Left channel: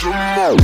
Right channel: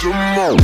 some more.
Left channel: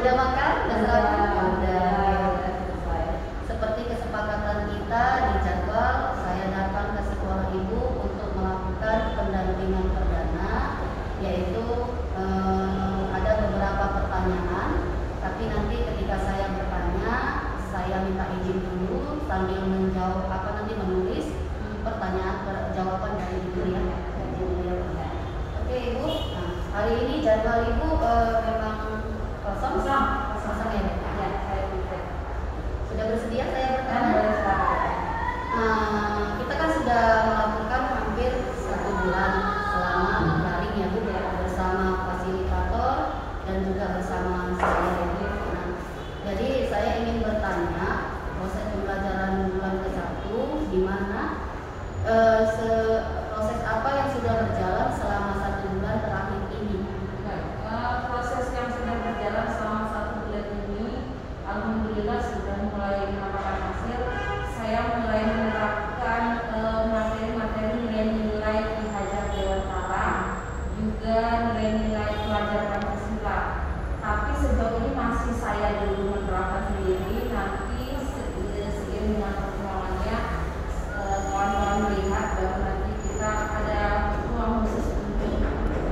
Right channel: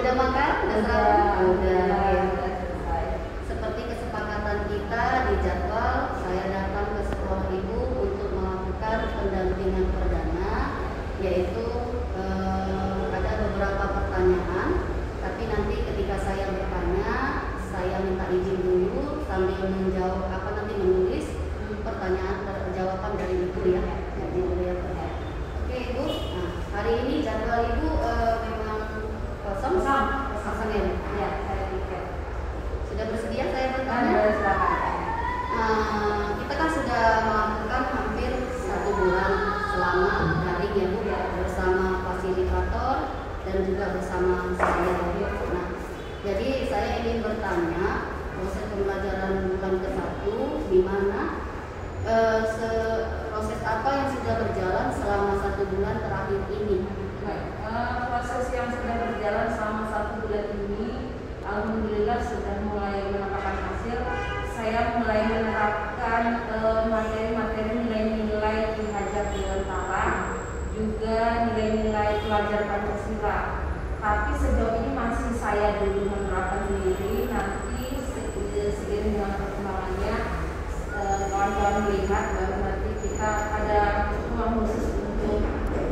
Udah makan? Udah sarapan? Udah ya. Seperti kesepakatan kita di jadwal, saya datang ke sekolah ibu untuk melakukan pendampingan perdana, yaitu ada beberapa pertanyaan. Tapi nanti ketika saya bertanya, saya minta izin dulu sambil menjawab menulis pertanyaan jawaban dari ibu ya. Oke ibu, nah, hari ini jadwal ibu memang kosong ya? Ya, saya pikir. Sudah bersedia saya bertanya? Kita kan sudah melakukan hampir 1 bulan selama daring ya Bu, bersama fasilitator dan juga bersama saya. Nah, jadi saya ingin bertanya proses pembelajaran bulan ke-1 di mana proses apa yang sudah berjalan selama 1 bulan terakhir ini? Proses yang sudah berjalan selama 1 bulan ini, alhamdulillah sudah mulai mendapatkan hasil. Saya mulai menerapkan materi-materi nilai-nilai Hajar Dewantara, juga nilai-nilai pelajaran Pancasila. Tapi sejauh ini masih saya dulu menerapkan sendiri. Nanti seiring dengan perkembangannya, kawan-kawan melihat bahwa nanti kita ada ruang khusus untuk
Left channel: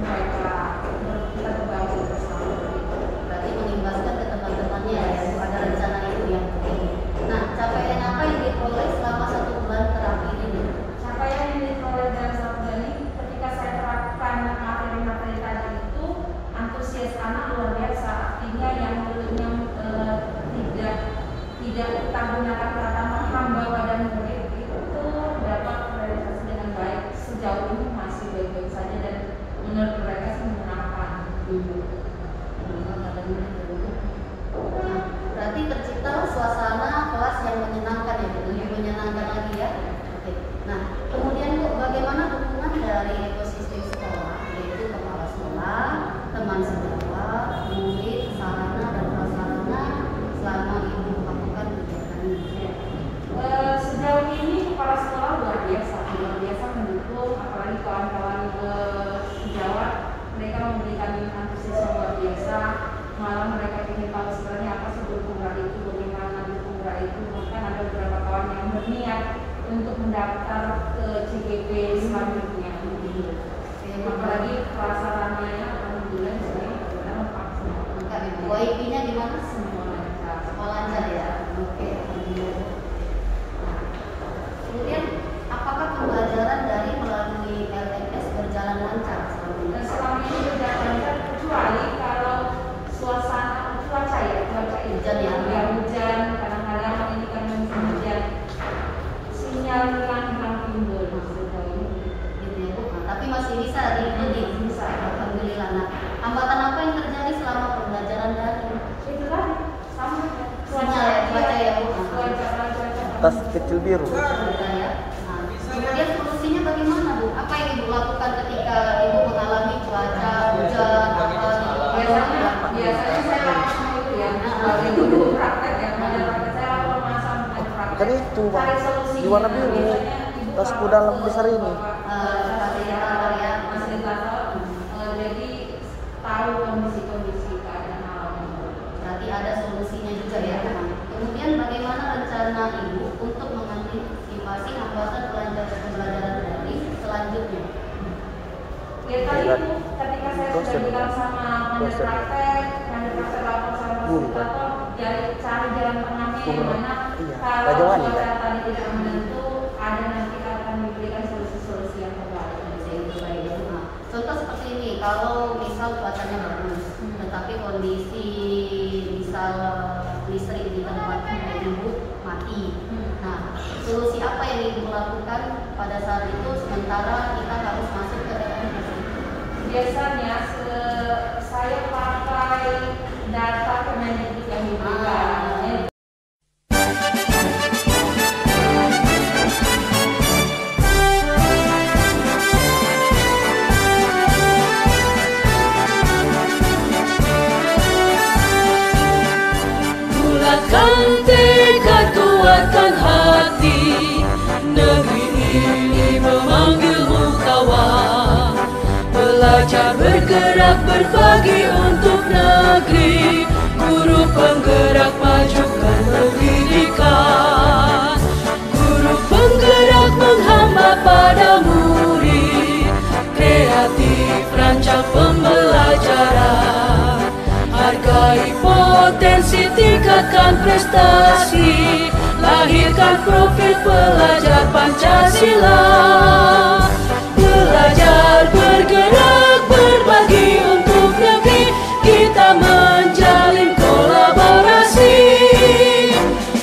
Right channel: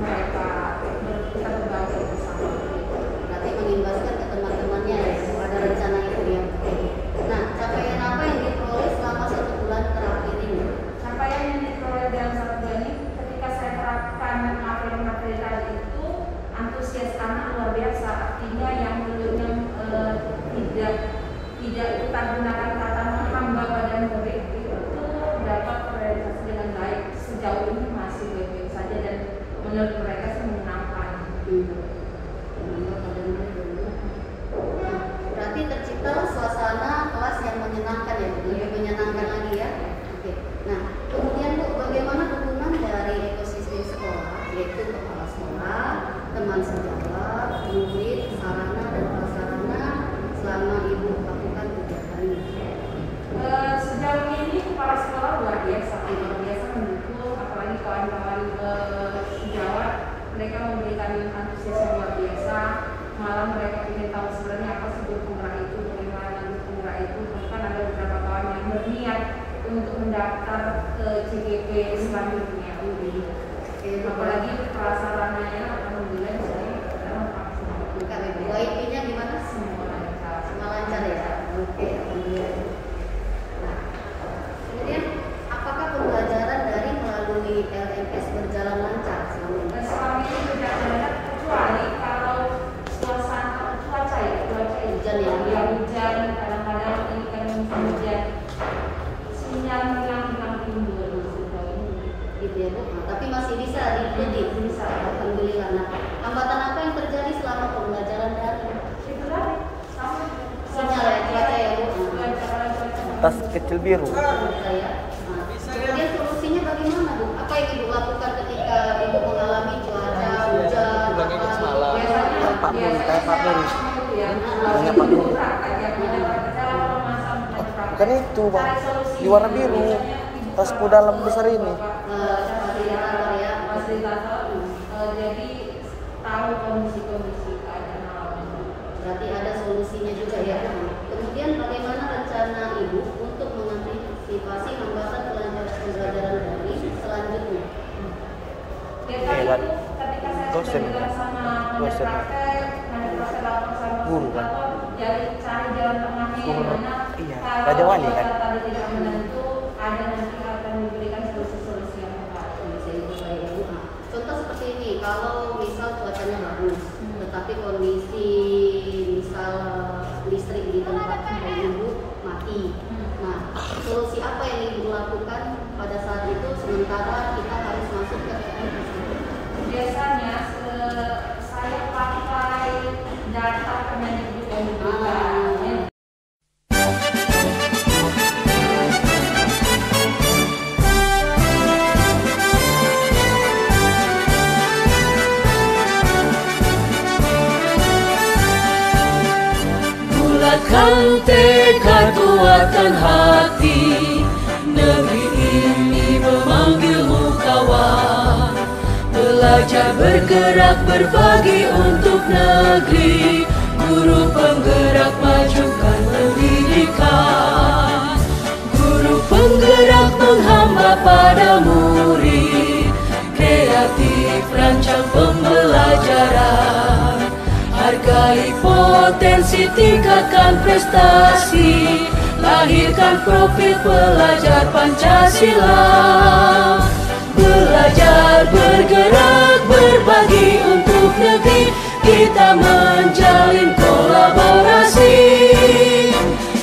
mereka berbagi bersama. Berarti mengimbaskan ke teman-temannya ya, ada rencana itu ya. Nah, capaian apa yang diperoleh selama 1 bulan terakhir ini? Capaian yang diperoleh dalam 1 bulan ini, ketika saya terapkan materi-materi tadi itu, antusias anak luar biasa. Artinya yang dulunya tidak kita gunakan kata menghamba pada murid itu dapat terrealisasi dengan baik. Sejauh ini masih baik-baik saja dan menurut mereka sih menyenangkan. Nah, berarti tercipta suasana kelas yang menyenangkan ya, lebih menyenangkan lagi ya. Oke. Nah, kemudian Bu, bagaimana dukungan dari ekosistem sekolah, yaitu kepala sekolah, teman sejawat, murid, sarana dan prasarana selama Ibu lakukan kegiatan ini? Sejauh ini kepala sekolah luar biasa mendukung, apalagi kawan-kawan sejawat, mereka memberikan antusias yang luar biasa. Malah mereka ingin tahu sebenarnya apa sih berkurang itu, bagaimana berkurang itu. Bahkan ada beberapa kawan yang berniat untuk mendaftar ke CGP selanjutnya. Apalagi prasarananya alhamdulillah sekarang vaksin. WIP-nya gimana? Semua lancar ya. Oke, alhamdulillah. Kemudian apakah pembelajaran dari melalui LMS berjalan lancar selama ini? Selama ini berjalan lancar, kecuali kalau suasana cuaca hujan ya, hujan kadang-kadang ini kan musim hujan, sinyal hilang timbul gitu ya Bu. Nah, tapi masih bisa diikuti, bisa. Alhamdulillah. Nah, hambatan apa yang terjadi selama pembelajaran daring? Itu tadi sama Sinyal ya, cuaca ya Bu. Tas kecil biru. Ya. Nah, kemudian solusinya bagaimana Bu? Apa yang Ibu lakukan ketika Ibu mengalami cuaca hujan apa gitu? Biasanya Bukan itu Bang, di warna biru, tasku dalam besar ini. Fasilitator ya, jadi tahu kondisi keadaan alam. berarti ada solusinya juga ya. Kemudian bagaimana rencana Ibu untuk mengantisipasi hambatan pembelajaran daring selanjutnya? Ketika saya dosennya, sama dosennya praktek guru kan. dari cara jalan tengahnya yang mana iya, kalau Raja Wali kan. tadi tidak menentu, ada nanti akan diberikan solusi-solusi yang terbaik. Contoh seperti ini, kalau misal cuacanya bagus, tetapi kondisi misal listrik di tempat ibu mati. Nah, solusi apa yang ibu lakukan pada saat itu sementara kita harus masuk ke Biasanya saya pakai data Kemendikbud yang diberikan. Bulatkan tekad, kuatkan hati, negeri ini memanggilmu kawan. Belajar bergerak berbagi untuk negeri, guru penggerak majukan pendidikan. Guru penggerak menghamba pada murid, kreatif rancang pembelajaran. Hargai potensi, tingkatkan prestasi, lahirkan profil pelajar Pancasila. Belajar, bergerak, berbagi untuk negeri, kita menjalin kolaborasi.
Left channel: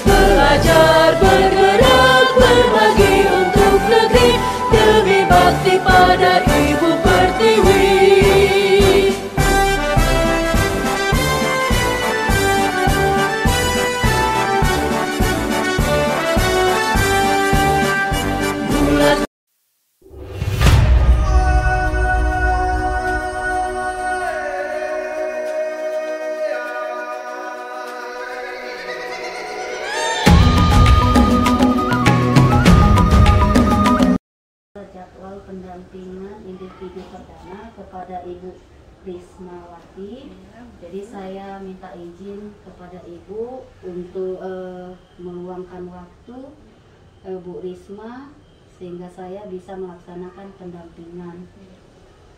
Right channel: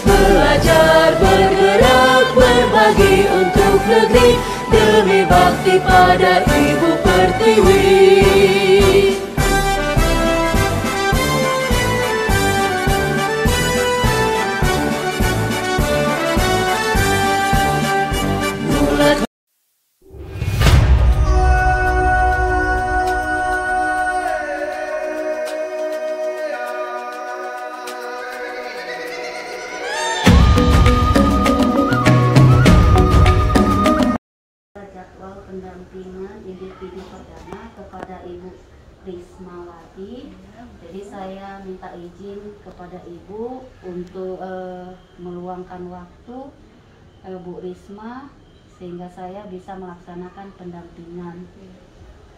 Belajar, bergerak, berbagi untuk negeri, demi bakti pada Ibu Pertiwi. Jadwal pendampingan individu perdana kepada Ibu Rismawati. Jadi saya minta izin kepada Ibu untuk meluangkan waktu Bu Risma sehingga saya bisa melaksanakan pendampingan.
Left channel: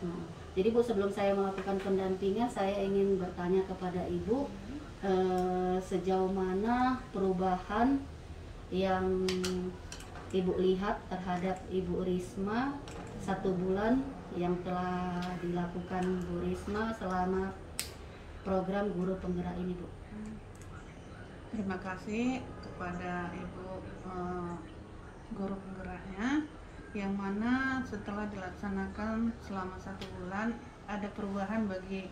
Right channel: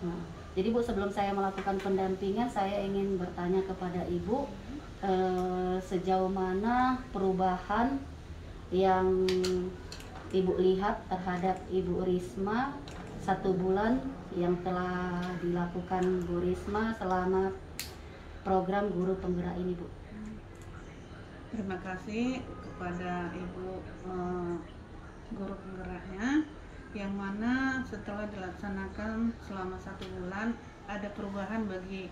Nah, jadi Bu, sebelum saya melakukan pendampingan, saya ingin bertanya kepada Ibu sejauh mana perubahan yang Ibu lihat terhadap Ibu Risma 1 bulan yang telah dilakukan Bu Risma selama program guru penggerak ini, Bu. Terima kasih kepada Ibu guru penggeraknya, yang mana setelah dilaksanakan selama 1 bulan ada perubahan bagi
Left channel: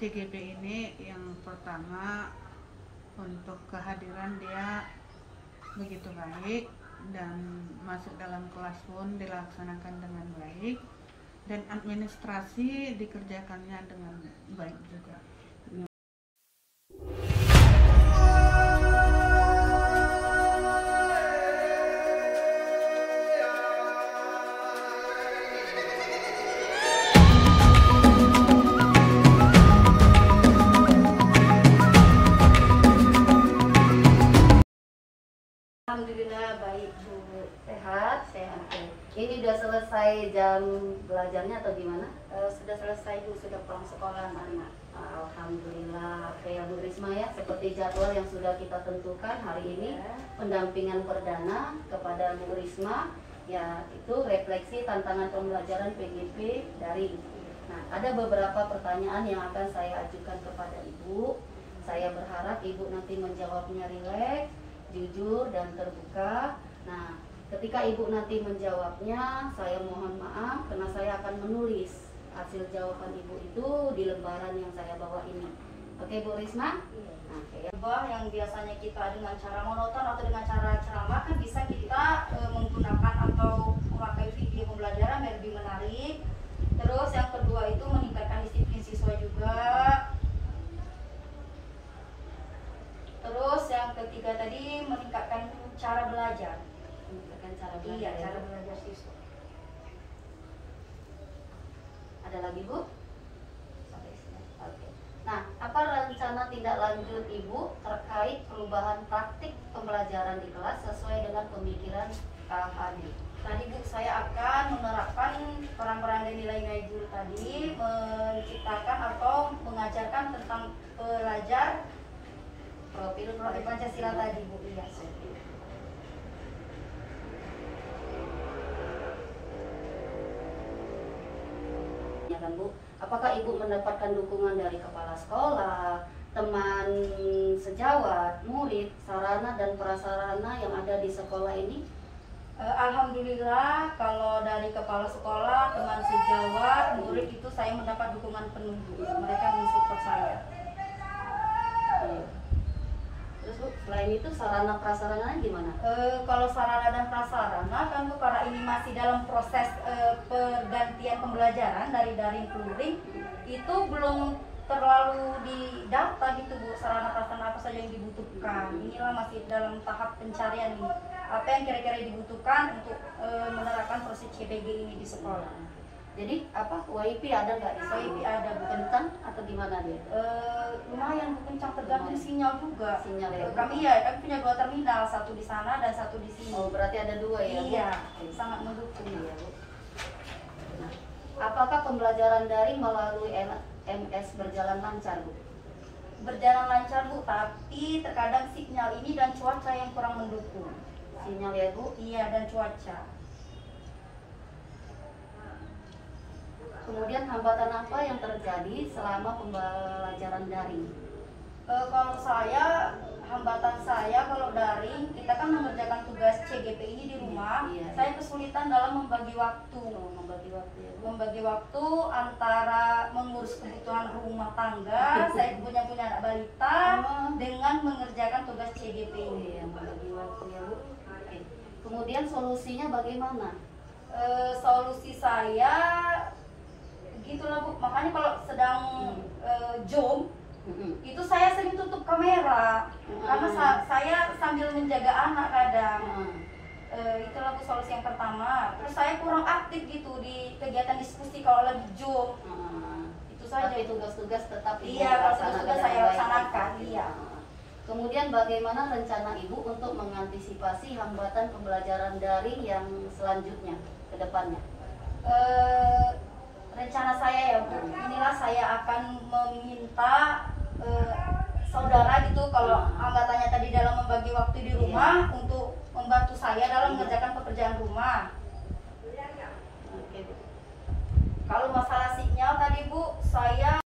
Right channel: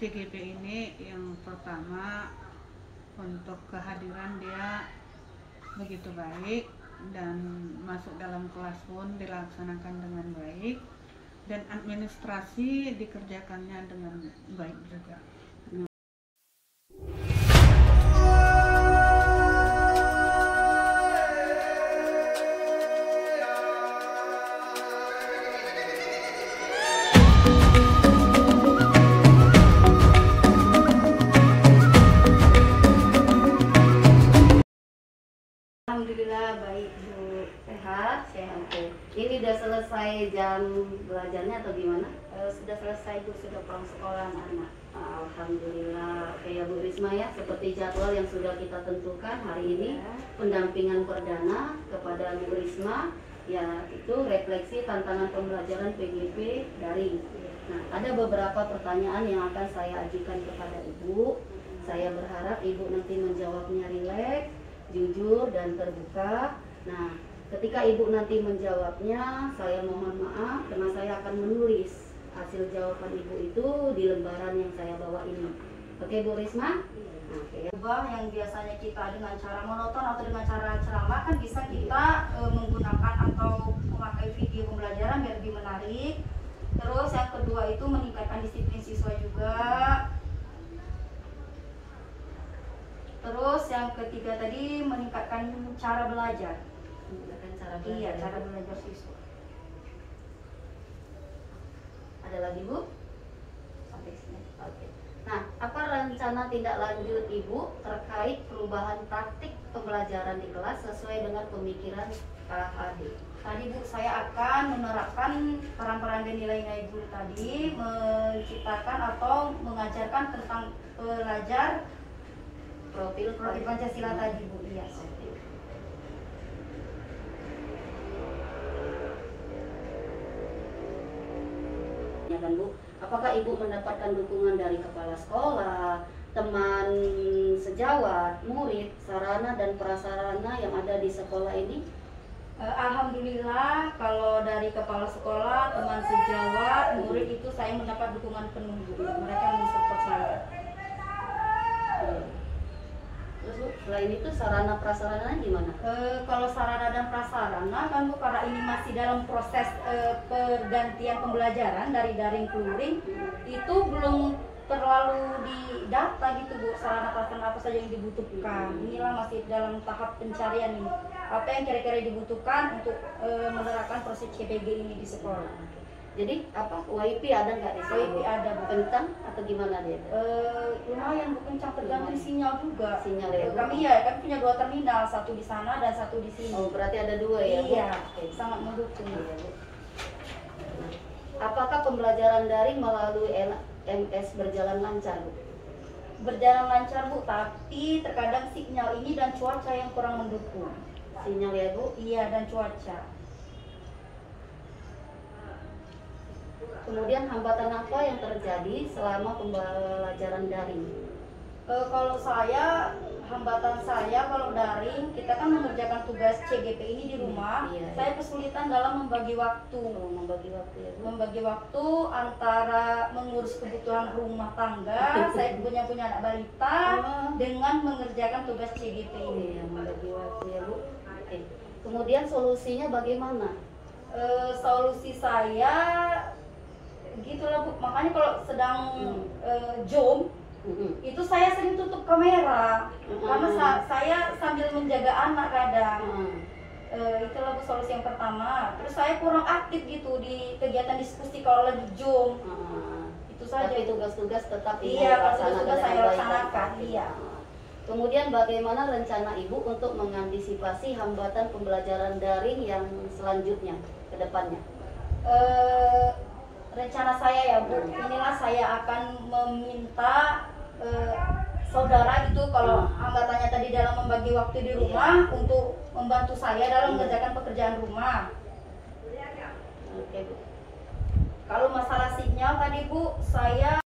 CGP ini. Yang pertama, untuk kehadiran dia begitu baik dan masuk dalam kelas pun dilaksanakan dengan baik, dan administrasi dikerjakannya dengan baik juga. Alhamdulillah baik, Bu. Sehat? Sehat. Ini udah selesai jam belajarnya atau gimana? Sudah selesai, Bu. Sudah pulang sekolah anak. Alhamdulillah. Ya Bu Risma, ya, seperti jadwal yang sudah kita tentukan hari ini, pendampingan perdana kepada Bu Risma, ya itu refleksi tantangan pembelajaran PGP daring. Nah, ada beberapa pertanyaan yang akan saya ajukan kepada Ibu. Saya berharap Ibu nanti menjawabnya rileks, jujur dan terbuka. Nah, ketika Ibu nanti menjawabnya, saya mohon maaf karena saya akan menulis hasil jawaban Ibu itu di lembaran yang saya bawa ini. Oke, Bu Risma? Oke. Yang biasanya kita dengan cara monoton atau dengan cara ceramah, kan bisa kita menggunakan atau memakai video pembelajaran biar lebih menarik. Terus yang kedua itu meningkatkan disiplin siswa juga. Terus yang ketiga tadi meningkatkan cara belajar. Meningkatkan cara belajar. Iya, cara belajar siswa. Ada lagi, Bu? Sampai sini. Oke. Nah, apa rencana tindak lanjut Ibu terkait perubahan praktik pembelajaran di kelas sesuai dengan pemikiran KHD? Tadi Bu, saya akan menerapkan peran-peran dan nilai-nilai guru tadi, menciptakan atau mengajarkan tentang pelajar Profil Pancasila tadi Bu. Iya. Ya kan Bu, apakah Ibu mendapatkan dukungan dari kepala sekolah, teman sejawat, murid, sarana dan prasarana yang ada di sekolah ini? Alhamdulillah, kalau dari kepala sekolah, teman sejawat, murid itu saya mendapat dukungan penuh Bu. Mereka mensupport saya. Terus Bu, selain itu sarana prasarana gimana? Kalau sarana dan prasarana kan Bu, karena ini masih dalam proses pergantian pembelajaran dari daring ke luring, itu belum terlalu didata gitu Bu, sarana prasarana apa saja yang dibutuhkan. Inilah masih dalam tahap pencarian nih, apa yang kira-kira dibutuhkan untuk menerapkan proses CPG ini di sekolah. Jadi apa WiFi ada nggak di sekolah? WiFi ada Bu. Kencang atau gimana dia? Lumayan Bu, kencang, tergantung sinyal juga. Sinyal ya Bu? Kami punya 2 terminal, satu di sana dan satu di sini. Oh berarti ada 2 ya Bu? Iya, Oke. sangat mendukung. Iya, Bu. Nah, apakah pembelajaran daring melalui LMS berjalan lancar Bu? Berjalan lancar Bu, tapi terkadang sinyal ini dan cuaca yang kurang mendukung. Sinyal ya Bu? Iya, dan cuaca. Kemudian hambatan apa yang terjadi selama pembelajaran daring? Kalau saya, hambatan saya kalau daring, kita kan mengerjakan tugas CGP ini di rumah. Iya. Saya kesulitan dalam membagi waktu. Membagi waktu ya Bu? Membagi waktu antara mengurus kebutuhan rumah tangga, saya punya anak balita, dengan mengerjakan tugas CGP ini. Iya, membagi waktu ya Bu. Oke. Kemudian solusinya bagaimana? Solusi saya gitulah Bu, makanya kalau sedang Zoom itu saya sering tutup kamera karena saya sambil menjaga anak kadang. Itulah Bu solusi yang pertama. Terus saya kurang aktif gitu di kegiatan diskusi kalau lagi Zoom. Itu saja. Tapi tugas-tugas tetap Iya, tugas-tugas saya laksanakan. Iya. Kemudian bagaimana rencana Ibu untuk mengantisipasi hambatan pembelajaran daring yang selanjutnya ke depannya? Rencana saya ya Bu, inilah saya akan meminta saudara gitu kalau hambatannya tadi dalam membagi waktu di rumah untuk membantu saya dalam mengerjakan pekerjaan rumah. Oke Bu. Kalau masalah sinyal tadi Bu, saya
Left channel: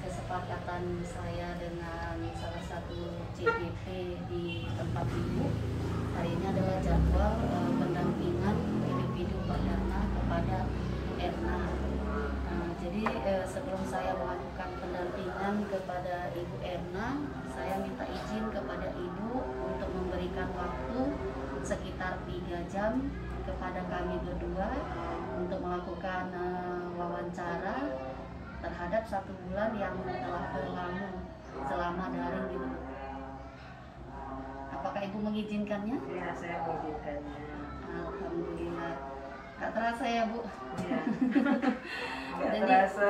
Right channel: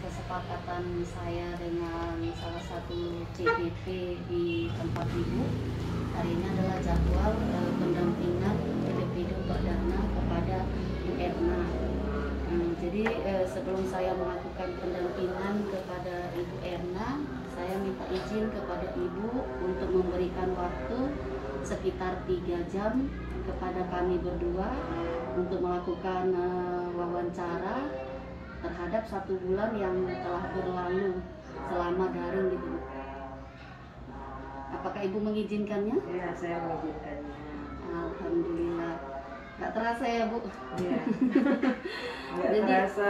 kesepakatan saya dengan salah satu CGP di tempat Ibu. Hari ini adalah jadwal pendampingan individu perdana kepada Erna. Jadi sebelum saya melakukan pendampingan kepada Ibu Erna, saya minta izin kepada Ibu untuk memberikan waktu sekitar 3 jam kepada kami berdua untuk melakukan wawancara terhadap 1 bulan yang telah berlalu selama daring gitu. Apakah Ibu mengizinkannya? Ya, saya mengizinkannya. Alhamdulillah. Gak terasa ya Bu? Ya. Gak terasa.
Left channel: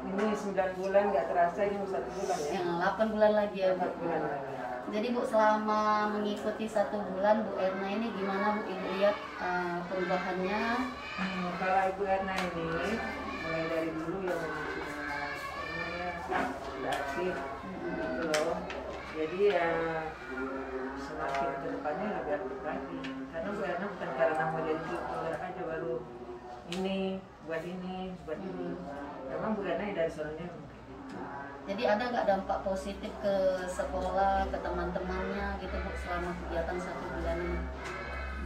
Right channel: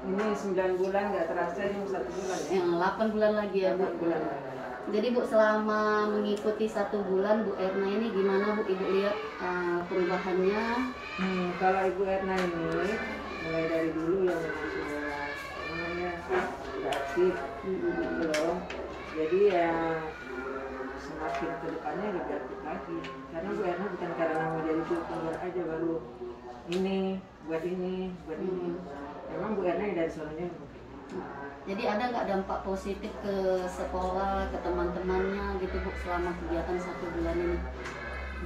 Ini 9 bulan gak terasa, ini 1 bulan ya. 8 bulan lagi ya Bu. 8 bulan lagi. Jadi Bu, selama mengikuti 1 bulan Bu Erna ini gimana Bu, Ibu lihat perubahannya? Kalau Ibu Erna ini mulai dari dulu yang sudah aktif gitu loh. Jadi ya semakin ke depannya lebih aktif lagi. Karena Bu Erna bukan karena mau jadi guru penggerak aja baru ini, buat ini. Memang Bu Erna dari sononya mungkin. Jadi ada nggak dampak positif ke sekolah, ke teman-temannya gitu Bu selama kegiatan 1 bulan ini?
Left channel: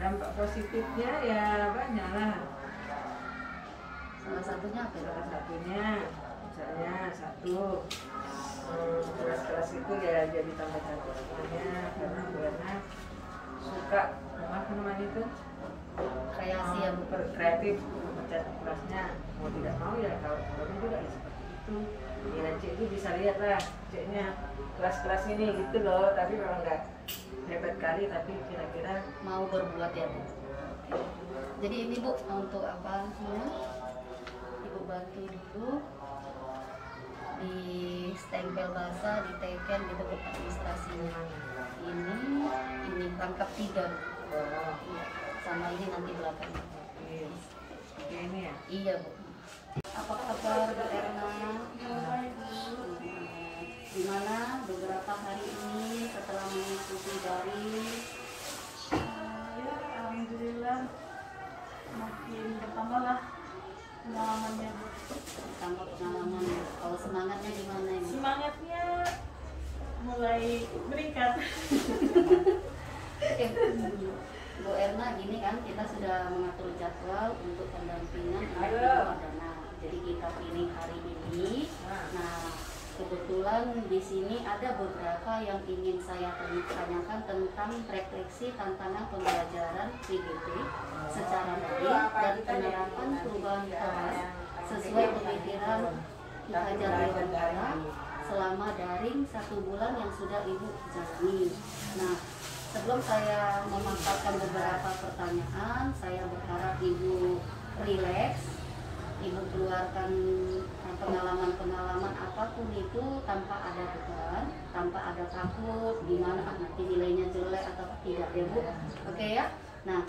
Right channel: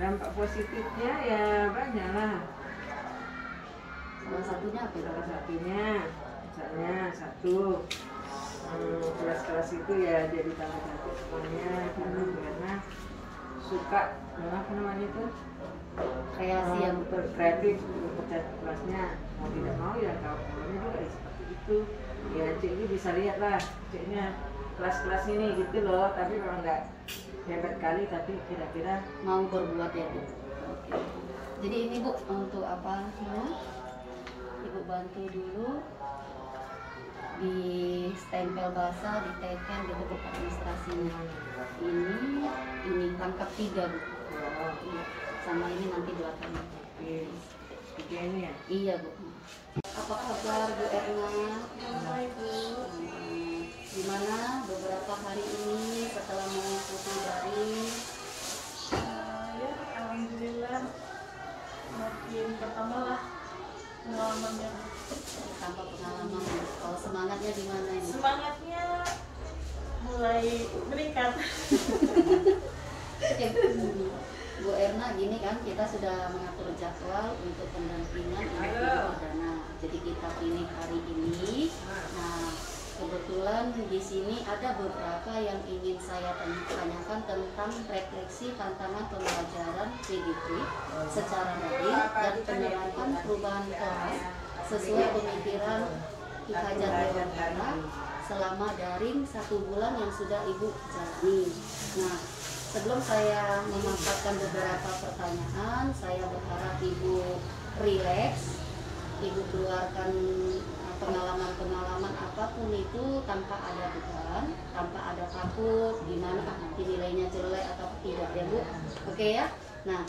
Dampak positifnya ya banyak lah. Salah satunya apa? Salah satunya misalnya satu kelas-kelas itu ya jadi tambah cantik semuanya karena Bu Erna suka apa namanya itu Kreasi yang kreatif bercantik kelasnya, mau tidak mau ya kalau problemnya juga seperti itu. Ya Cik itu bisa lihat lah Ciknya kelas-kelas ini gitu loh, tapi memang nggak hebat kali tapi kira-kira mau berbuat ya Bu. Oke. Jadi ini Bu untuk apa dulu? Ibu bantu dulu di stempel basah, diteken gitu Bu administrasinya. Ini rangkap 3 Bu. Iya. Sama ini nanti belakangnya. Oke. Tiga ini ya? Iya Bu. Apa kabar Bu Erna? Baik Bu. Gimana beberapa hari ini setelah mengikuti daring? Ya alhamdulillah makin bertambah lah pengalamannya Bu. Tambah pengalaman. Kalau semangatnya gimana ini? Semangatnya mulai meningkat. Oke, Bu Erna, gini kan kita sudah mengatur jadwal untuk pendampingan Ibu Dana. Jadi kita pilih hari ini. Nah, kebetulan di sini ada beberapa yang ingin saya tanyakan tentang refleksi tantangan pembelajaran PGP secara daring dan penerapan perubahan kelas sesuai pemikiran Ki Hajar Dewantara selama daring 1 bulan yang sudah Ibu jalani. Nah, sebelum saya memaparkan beberapa pertanyaan, saya berharap Ibu rileks, Ibu keluarkan pengalaman-pengalaman apapun itu tanpa ada beban, tanpa ada takut gimana nanti nilainya jelek atau tidak ya Bu. Oke ya. Nah,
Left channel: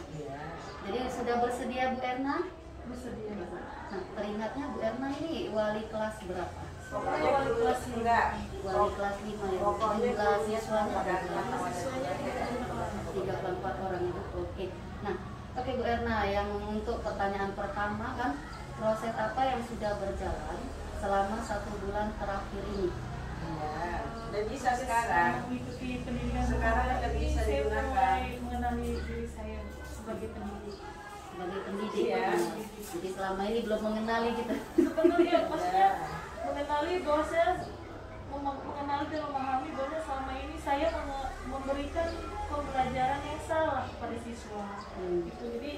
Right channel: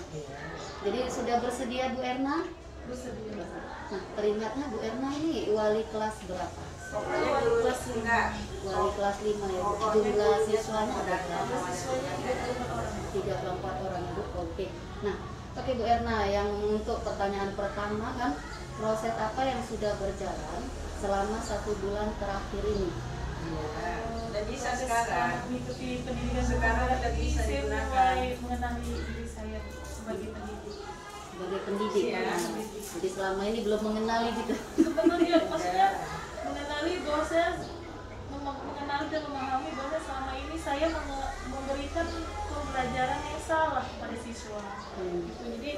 jadi sudah bersedia Bu Erna? Bersedia. Nah, teringatnya Bu Erna ini wali kelas berapa? Saya wali kelas 5. Wali kelas 5 ya Bu. Jumlah siswanya ada berapa? Siswanya 34 orang. 34 orang ya Bu. Oke. Nah, oke Bu Erna, yang untuk pertanyaan pertama kan proses apa yang sudah berjalan selama 1 bulan terakhir ini? Udah bisa Proses sekarang. mengikuti pendidikan Sekarang pembelajaran udah ini, bisa saya digunakan. mulai mengenali diri saya sebagai pendidik. Sebagai pendidik. Iya. Nah, jadi selama ini belum mengenali gitu. Sebenarnya maksudnya mengenali bahwa saya mengenali dan memahami bahwa selama ini saya memberikan pembelajaran yang salah kepada siswa. Gitu. Jadi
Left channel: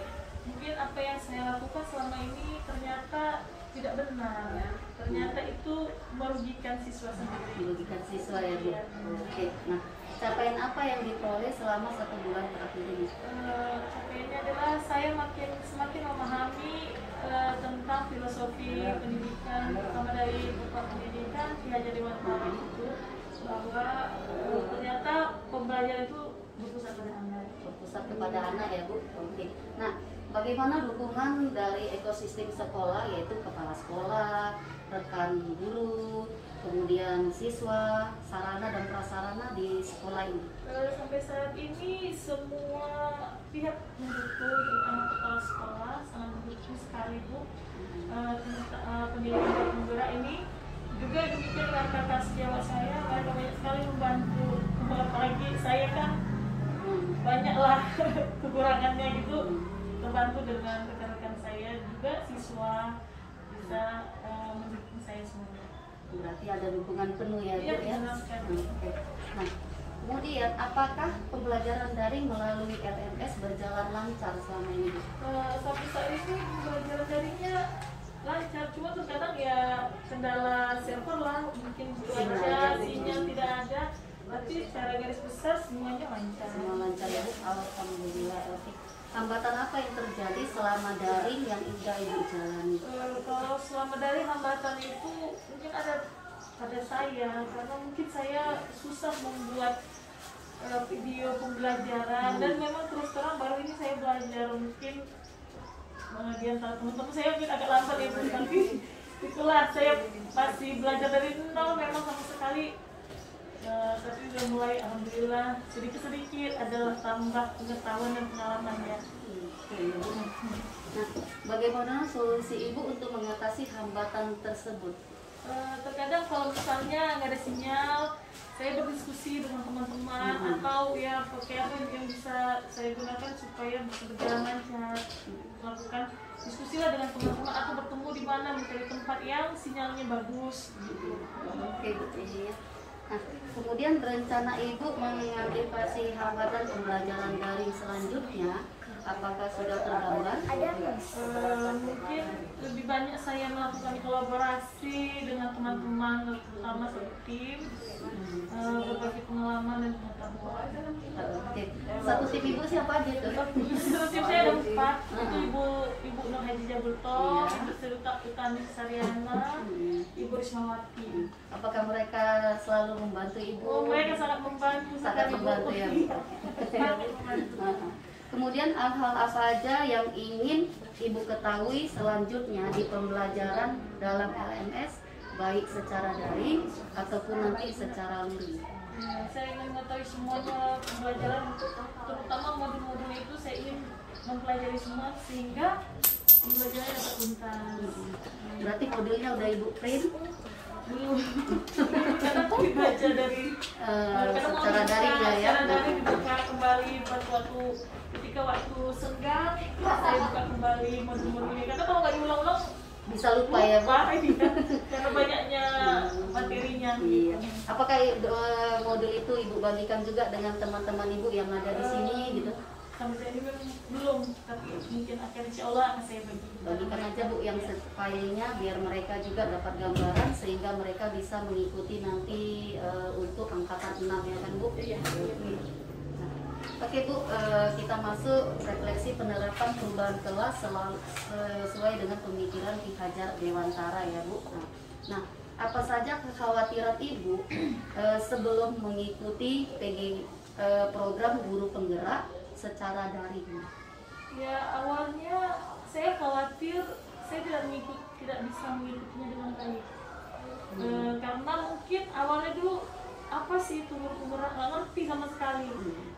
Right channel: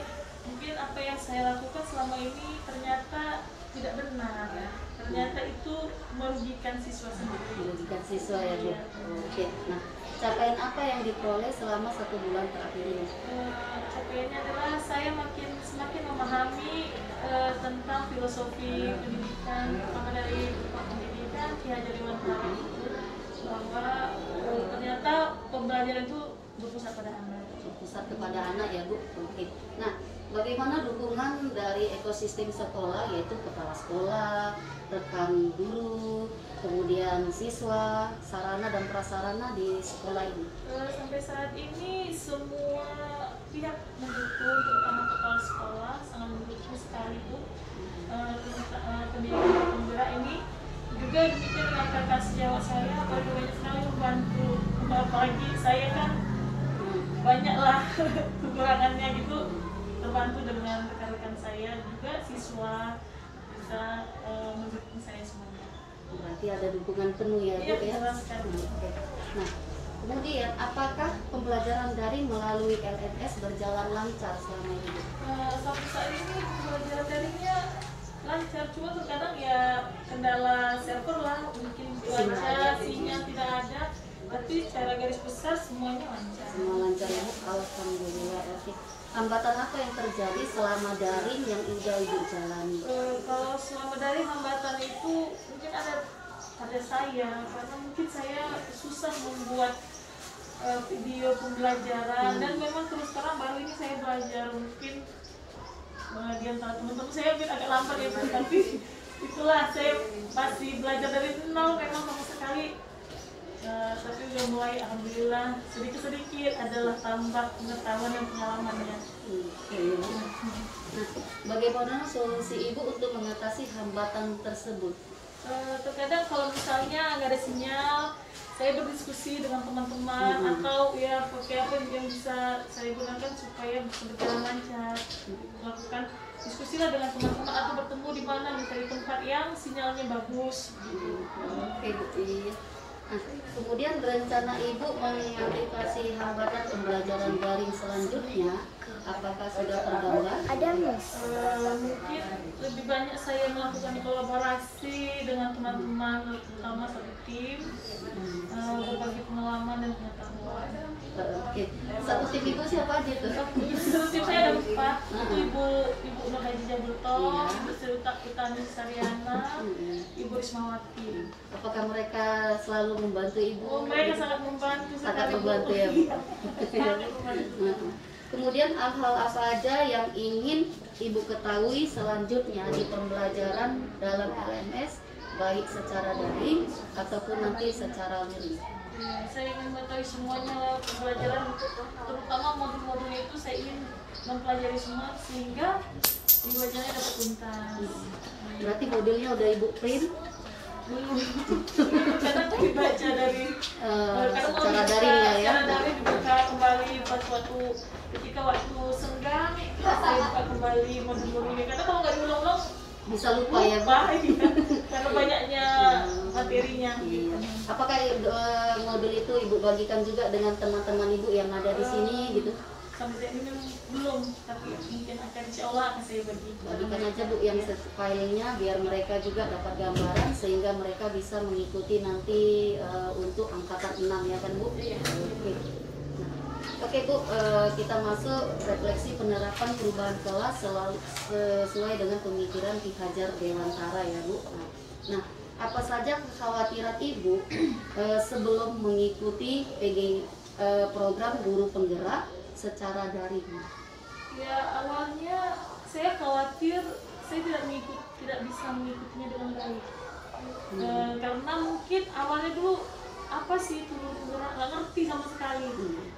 mungkin apa yang saya lakukan selama ini ternyata tidak benar. Ternyata itu merugikan siswa sendiri. Merugikan siswa ya Bu. Iya. Oke. Nah, capaian apa yang diperoleh selama 1 bulan terakhir ini? Capaiannya adalah saya semakin memahami tentang filosofi pendidikan, terutama dari Bapak Pendidikan Ki Hajar Dewantara itu, bahwa ternyata pembelajaran itu berpusat pada anak. Berpusat kepada anak ya Bu. Oke. Nah, bagaimana dukungan dari ekosistem sekolah yaitu kepala sekolah, rekan guru, kemudian siswa, sarana dan prasarana di sekolah ini? Sampai saat ini semua pihak mendukung, terutama kepala sekolah sangat mendukung sekali Bu. Pendidikan penggerak ini juga demikian dengan kakak sejawat saya, mereka banyak sekali membantu. Apalagi saya kan banyaklah kekurangannya gitu, terbantu dengan rekan-rekan saya juga siswa bisa mendukung saya semuanya. Berarti ada dukungan penuh ya Bu Iya, ya? jelas sekali. Oke. Nah, kemudian apakah pembelajaran daring melalui LMS berjalan lancar selama ini Bu? Sampai saat ini pembelajaran daringnya lancar, cuma terkadang ya kendala server lah, mungkin cuaca, sinyal tidak ada, tapi secara garis besar semuanya lancar. Semua lancar ya Bu? Alhamdulillah. Oke. Hambatan apa yang terjadi selama daring yang sudah Ibu jalani? Kalau selama dari hambatan itu mungkin ada pada saya, karena mungkin saya susah membuat video pembelajaran dan memang terus terang baru ini saya belajar mungkin di antara teman-teman saya mungkin agak lambat ya Bu, tapi itulah saya masih belajar dari nol memang sama sekali. Tapi udah mulai alhamdulillah sedikit-sedikit adalah tambah pengetahuan dan pengalamannya. Nah, bagaimana solusi Ibu untuk mengatasi hambatan tersebut? Terkadang kalau misalnya nggak ada sinyal, saya berdiskusi dengan teman-teman atau ya pakai apa yang bisa saya gunakan supaya bisa berjalan lancar. Melakukan diskusi lah dengan teman-teman atau bertemu di mana mencari tempat yang sinyalnya bagus. Oke, Bu. Iya. Nah, kemudian rencana Ibu mengantisipasi hambatan pembelajaran daring selanjutnya, apakah sudah tergambar? Mungkin lebih banyak saya melakukan kolaborasi dengan teman-teman, terutama satu tim, berbagi pengalaman dan pengetahuan. Oke. Satu tim Ibu siapa aja tuh? Satu tim saya ada 4, itu Ibu Nur Haji Jabulto, Ibu Serta Utami Sariana, Ibu Rismawati. Apakah mereka selalu membantu Ibu? Oh, mereka sangat membantu Sangat sekali, Bu. membantu ya, Bu. Sangat membantu. Kemudian hal-hal apa saja yang ingin Ibu ketahui selanjutnya di pembelajaran dalam LMS, baik secara daring ataupun nanti secara luring? Ya, saya ingin mengetahui semuanya pembelajaran, terutama modul-modulnya itu saya ingin mempelajari semua sehingga pembelajarannya dapat tuntas. Berarti modulnya udah Ibu print? Belum, karena aku dibaca dari Secara daring lah ya. secara daring dibuka kembali waktu ketika waktu senggang saya buka kembali modul-modulnya karena kalau nggak diulang-ulang Bisa lupa ya, Bu? iya. Karena banyaknya materinya. Iya. Apakah modul itu Ibu bagikan juga dengan teman-teman Ibu yang ada di sini gitu? Sampai saat ini memang belum, tapi mungkin akan insya Allah akan saya bagi. Bagikan aja Bu yang filenya biar mereka juga dapat gambaran sehingga mereka bisa mengikuti nanti untuk angkatan 6 ya kan Bu? Iya. Nah, oke Bu, kita masuk refleksi penerapan perubahan kelas sesuai dengan pemikiran Ki Hajar Dewantara ya Bu. Nah, apa saja kekhawatiran Ibu sebelum mengikuti program guru penggerak secara daring? Ya awalnya saya khawatir saya tidak bisa mengikutinya dengan baik. Karena mungkin awalnya dulu apa sih penggerak nggak ngerti sama sekali.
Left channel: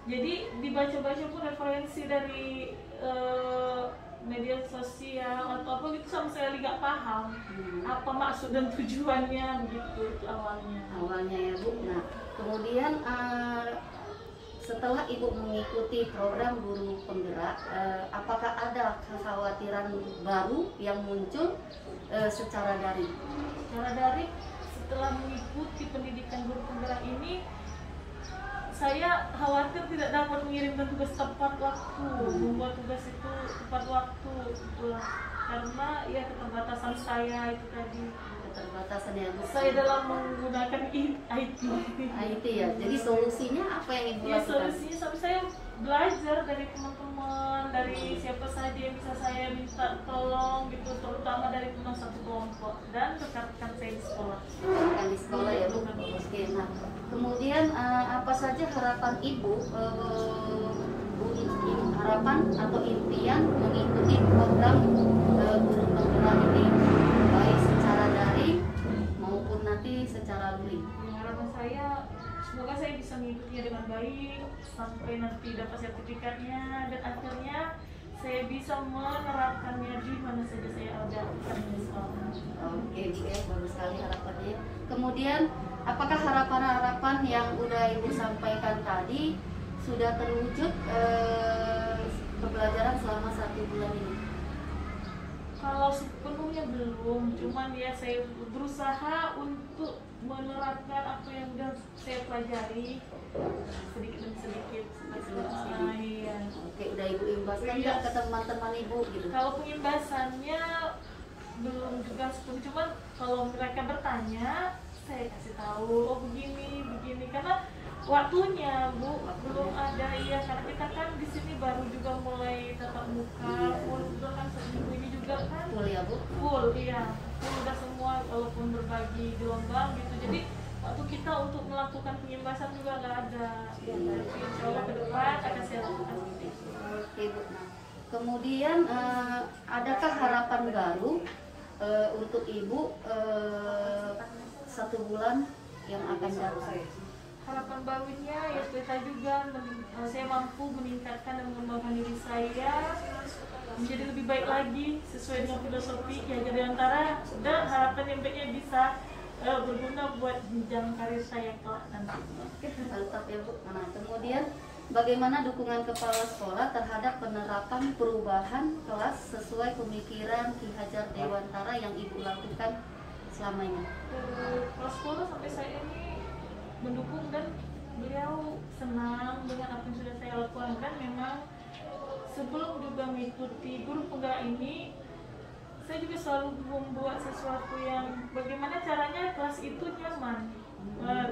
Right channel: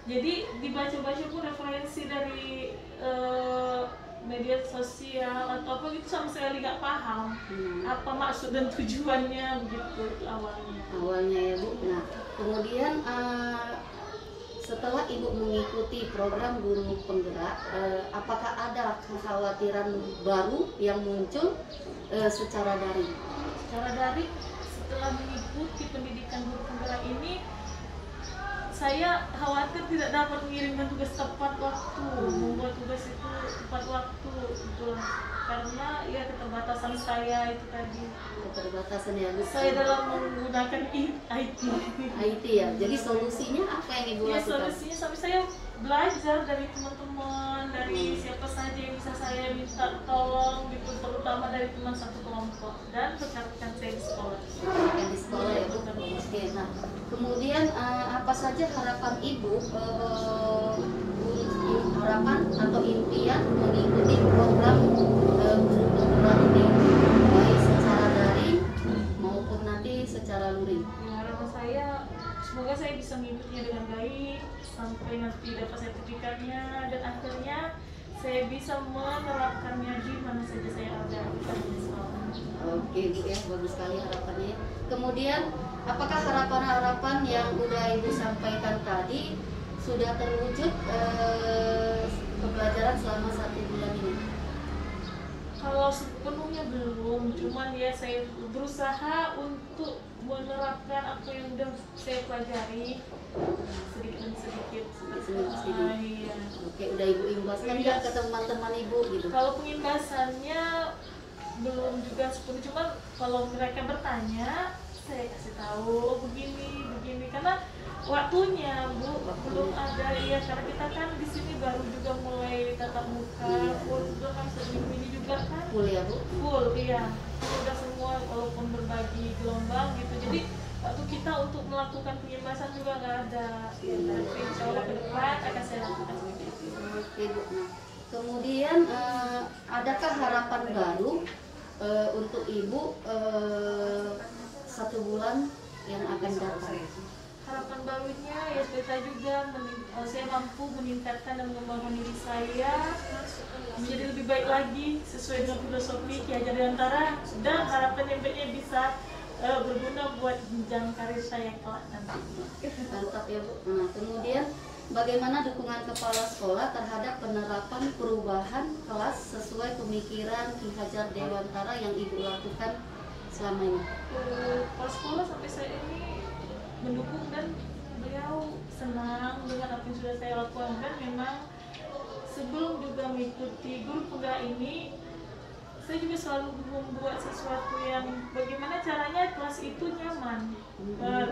Jadi dibaca-baca pun referensi dari media sosial atau apa gitu sama sekali nggak paham apa maksud dan tujuannya begitu awalnya Ya Bu. Nah, kemudian setelah Ibu mengikuti program guru penggerak, apakah ada kekhawatiran baru yang muncul secara daring? Secara daring, setelah mengikuti pendidikan guru penggerak ini, saya khawatir tidak dapat mengirimkan tugas tepat waktu, membuat tugas itu tepat waktu, itulah. Karena ya keterbatasan saya itu tadi. Keterbatasan ya Bu. Saya dalam menggunakan IT. IT ya. Jadi solusinya apa yang Ibu Ya, lakukan? solusinya sampai saya belajar dari teman-teman, dari siapa saja yang bisa saya minta tolong gitu, terutama dari teman satu kelompok dan rekan-rekan saya di sekolah. Yang di sekolah ya Bu. Oke. Nah, kemudian apa saja harapan Ibu, harapan atau impian mengikuti program guru penggerak ini, baik secara daring maupun nanti secara luring? Ya, harapan saya semoga saya bisa mengikutinya dengan baik sampai nanti dapat sertifikatnya dan akhirnya saya bisa menerapkannya di mana saja saya ada di sekolah. Oke Bu ya, bagus sekali harapannya. Kemudian apakah harapan-harapan yang udah Ibu sampaikan tadi sudah terwujud pembelajaran selama 1 bulan ini? Kalau sepenuhnya belum, cuman ya saya berusaha untuk menerapkan apa yang sudah saya pelajari sedikit demi sedikit. Iya. Oke, udah Ibu imbaskan ya ke teman-teman Ibu gitu? Kalau pengimbasannya belum juga sepenuhnya, cuman kalau mereka bertanya saya kasih tahu, oh begini karena waktunya Bu belum ada ya, karena kita kan di sini baru juga mulai tatap muka, full juga kan seminggu ini juga kan Full ya Bu? full, iya full udah semua walaupun berbagi gelombang gitu, jadi waktu kita untuk melakukan penyembasan juga nggak ada. Tapi insya Allah ke depan akan saya lakukan seperti itu. Oke, Bu. Nah, kemudian adakah harapan baru untuk Ibu 1 bulan yang akan datang? Harapan barunya ya kita juga saya mampu meningkatkan dan mengembangkan diri saya menjadi lebih baik lagi sesuai dengan filosofi Ki Hajar Dewantara, dan harapan yang baiknya bisa berguna buat jenjang karir saya kelak nanti. Mantap ya, Bu. Nah, kemudian bagaimana dukungan kepala sekolah terhadap penerapan perubahan kelas sesuai pemikiran Ki Hajar Dewantara yang Ibu lakukan selama ini? Kepala sekolah sampai saya ini mendukung dan beliau senang dengan apa yang sudah saya lakukan, dan memang sebelum juga mengikuti guru penggerak ini saya juga selalu membuat sesuatu yang bagaimana caranya kelas itu nyaman,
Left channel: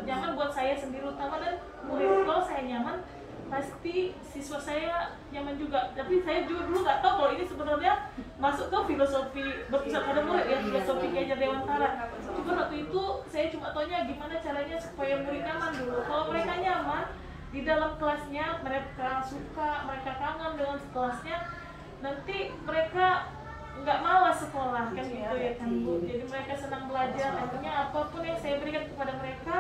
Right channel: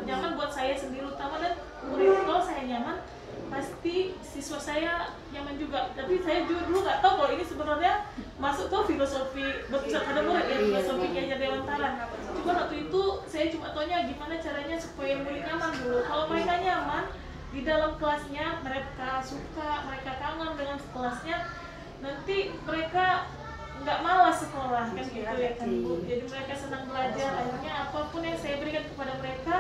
nyaman buat saya sendiri utama, dan murid. Kalau saya nyaman pasti siswa saya nyaman juga. Tapi saya juga dulu nggak tahu kalau ini sebenarnya masuk ke filosofi berpusat pada murid ya, filosofi Ki Hajar Dewantara. Cuma waktu itu saya cuma tanya gimana caranya supaya murid nyaman dulu. Kalau mereka nyaman di dalam kelasnya, mereka suka, mereka kangen dengan kelasnya, nanti mereka nggak malas sekolah kan gitu ya kan Bu. Jadi mereka senang belajar, akhirnya apapun yang saya berikan kepada mereka